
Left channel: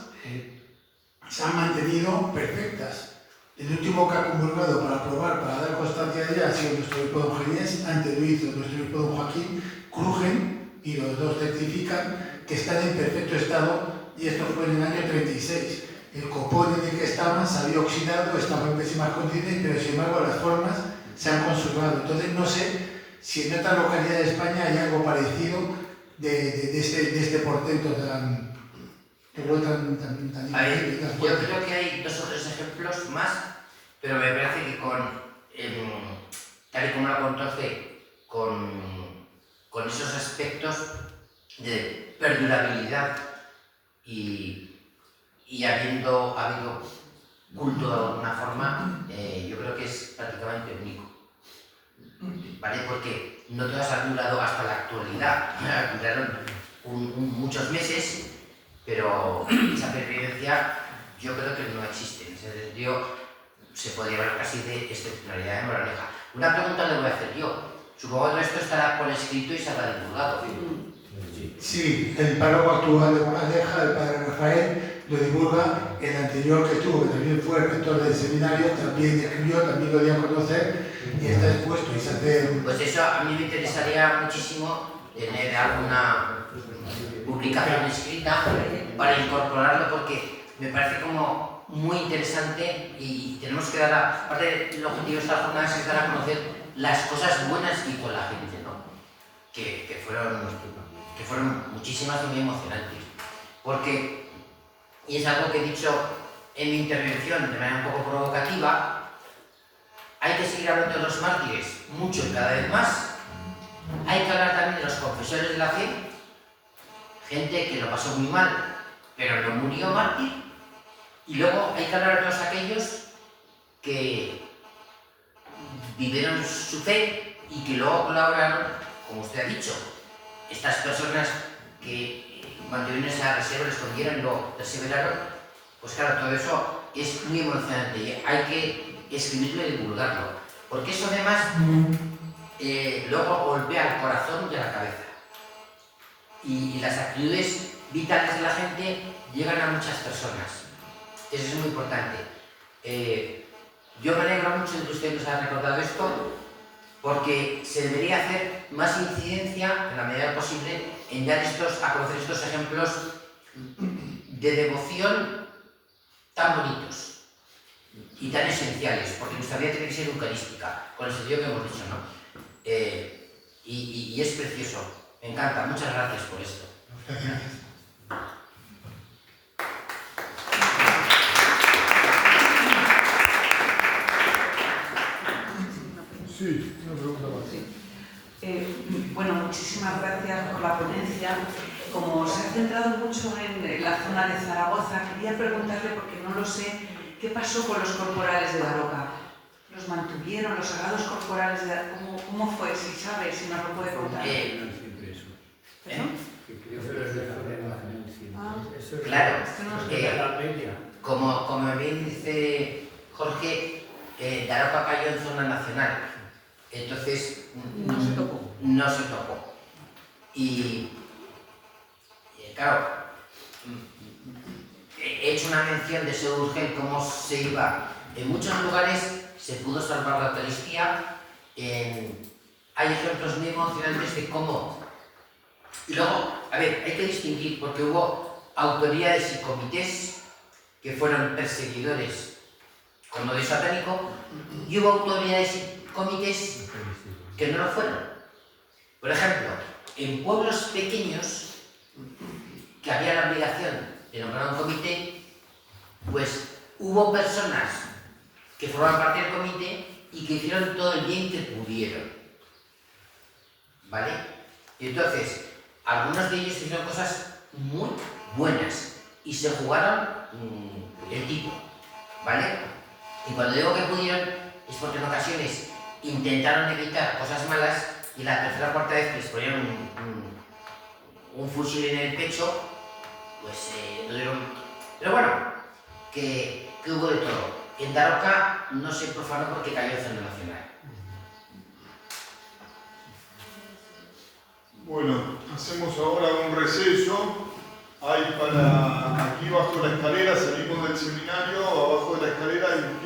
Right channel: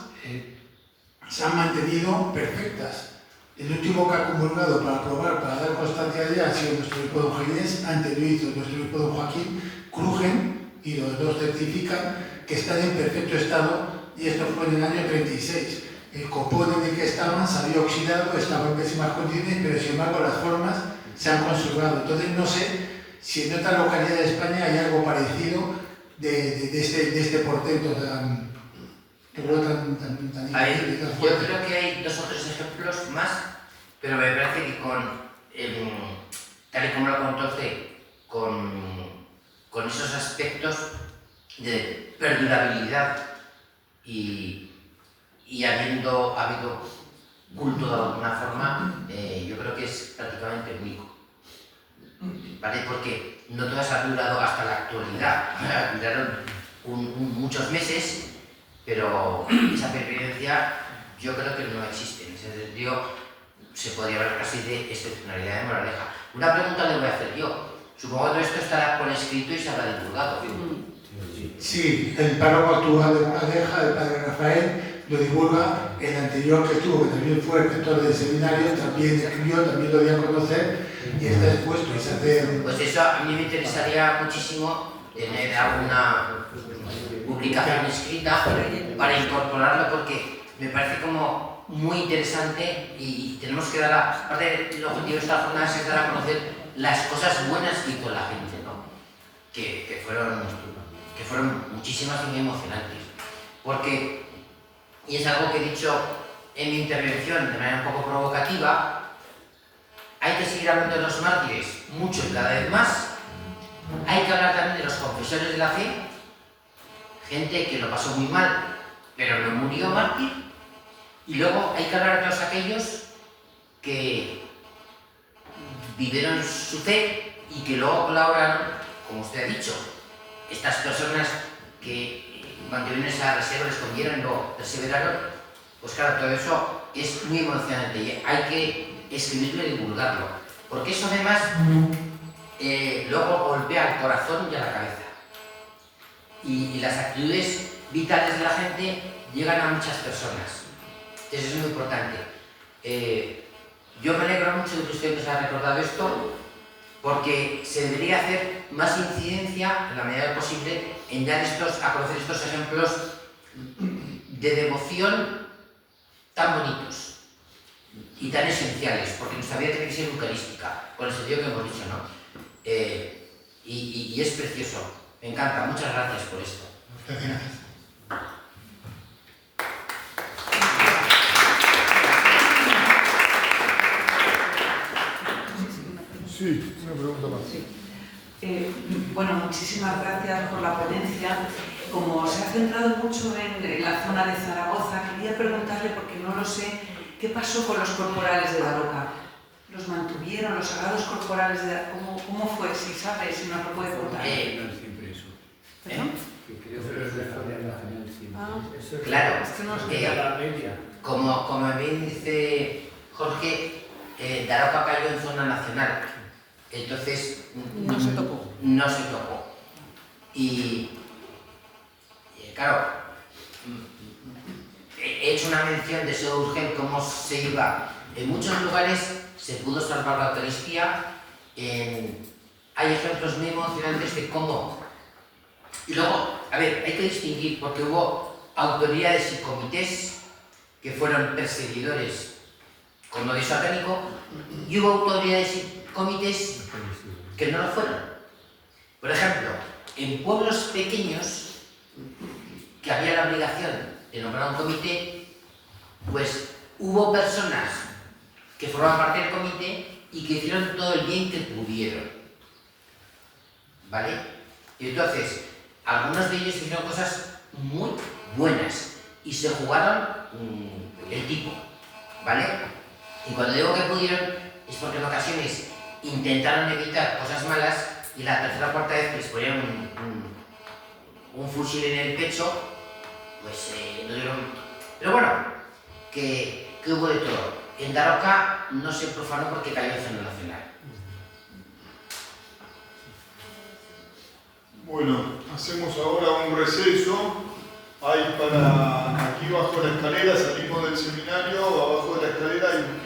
se han mantenido perfectas. El último que ha comulgado para probar, para dar constancia de ella, ha sido nuestro obispo don Ginés, antes lo hizo nuestro obispo don Joaquín, crujen y los dos certifican que están en perfecto estado y esto fue en el año 36. El copón en el que estaban se había oxidado, estaba en pésimas condiciones, pero sin embargo las formas se han conservado. Entonces no sé si en otra localidad de España hay algo parecido de este portento tan Yo creo que hay 2 o 3 ejemplos más, pero me parece que tal y como lo contó C, con esos aspectos de perdurabilidad y habido culto de alguna forma, yo creo que es prácticamente único. ¿Vale? Porque no todas han durado hasta la actualidad, duraron muchos meses, pero esa pervivencia yo creo que no existe. En ese sentido, se podría hablar casi de excepcionalidad de Moraleja. Una pregunta le voy a hacer yo. Supongo que todo esto estará por escrito y se habrá divulgado. Sí, el párroco actual de Moraleja, el padre Rafael, lo divulga. El anterior que tuvo, que también fue el rector del seminario, también escribió, también lo dio a conocer y está expuesto y se hace... Pues eso a mí me interesaría muchísimo tener alguna publicación escrita para incorporarlo porque me parece como muy interesante y tenemos que dar aparte del objetivo de esta jornada es dar a conocer las cosas buenas que hizo la gente, ¿no? que fueron muchísimas y muy emocionantes porque, y es algo que he dicho en mi intervención de manera un poco provocativa, hay que seguir hablando de los mártires mucho y cada vez más, hay que hablar también de los confesores de la fe, gente que lo pasó muy mal, pero no murió mártir. Y luego hay que hablar de todos aquellos que vivieron su fe y que luego colaboraron, como usted ha dicho. Estas personas que mantuvieron esa reserva, la escondieron y lo perseveraron, pues claro, todo eso es muy emocionante y hay que escribirlo y divulgarlo. Porque eso además luego golpea al corazón y a la cabeza. Y las actitudes vitales de la gente llegan a muchas personas. Eso es muy importante. Yo me alegro mucho de que usted nos haya recordado esto porque se debería hacer más incidencia, en la medida de lo posible, en dar a conocer estos ejemplos de devoción tan bonitos y tan esenciales, porque nuestra vida tiene que ser eucarística, con el sentido que hemos dicho, ¿no? Y es precioso. Me encanta, muchas gracias por esto. Muchas gracias. Sí, una pregunta más. Sí. Bueno, muchísimas gracias por la ponencia. Como se ha centrado mucho en la zona de Zaragoza, quería preguntarle, porque no lo sé, ¿qué pasó con los corporales de Daroca? ¿Los mantuvieron, los sagrados corporales de Daroca? ¿Cómo fue? Si sabe, si nos lo puede contar. Claro, Es que no sé. como bien dice Jorge, Daroca cayó en zona nacional, entonces no se tocó. Y claro, he hecho una mención de Seu Urgel, cómo se iba En muchos lugares se pudo salvar la Eucaristía. Hay ejemplos muy emocionantes de cómo. Y luego, a ver, hay que distinguir, porque hubo autoridades y comités que fueron perseguidores con odio satánico, y hubo autoridades y comités que no lo fueron. Por ejemplo, en pueblos pequeños que había la obligación de nombrar un comité, pues hubo personas que formaban parte del comité y que hicieron todo el bien que pudieron, ¿vale? Y entonces, algunos de ellos hicieron cosas muy buenas y se jugaron el tipo, ¿vale? Y cuando digo que pudieron, es porque en ocasiones intentaron evitar cosas malas y la tercera o cuarta vez que les ponían un fusil en el pecho, pues no dieron. Pero bueno, que hubo de todo. En Daroca no se profanó porque cayó el Centro Nacional. Bueno, hacemos ahora un receso. Hay para aquí bajo la escalera, salimos del seminario, abajo de la escalera hay un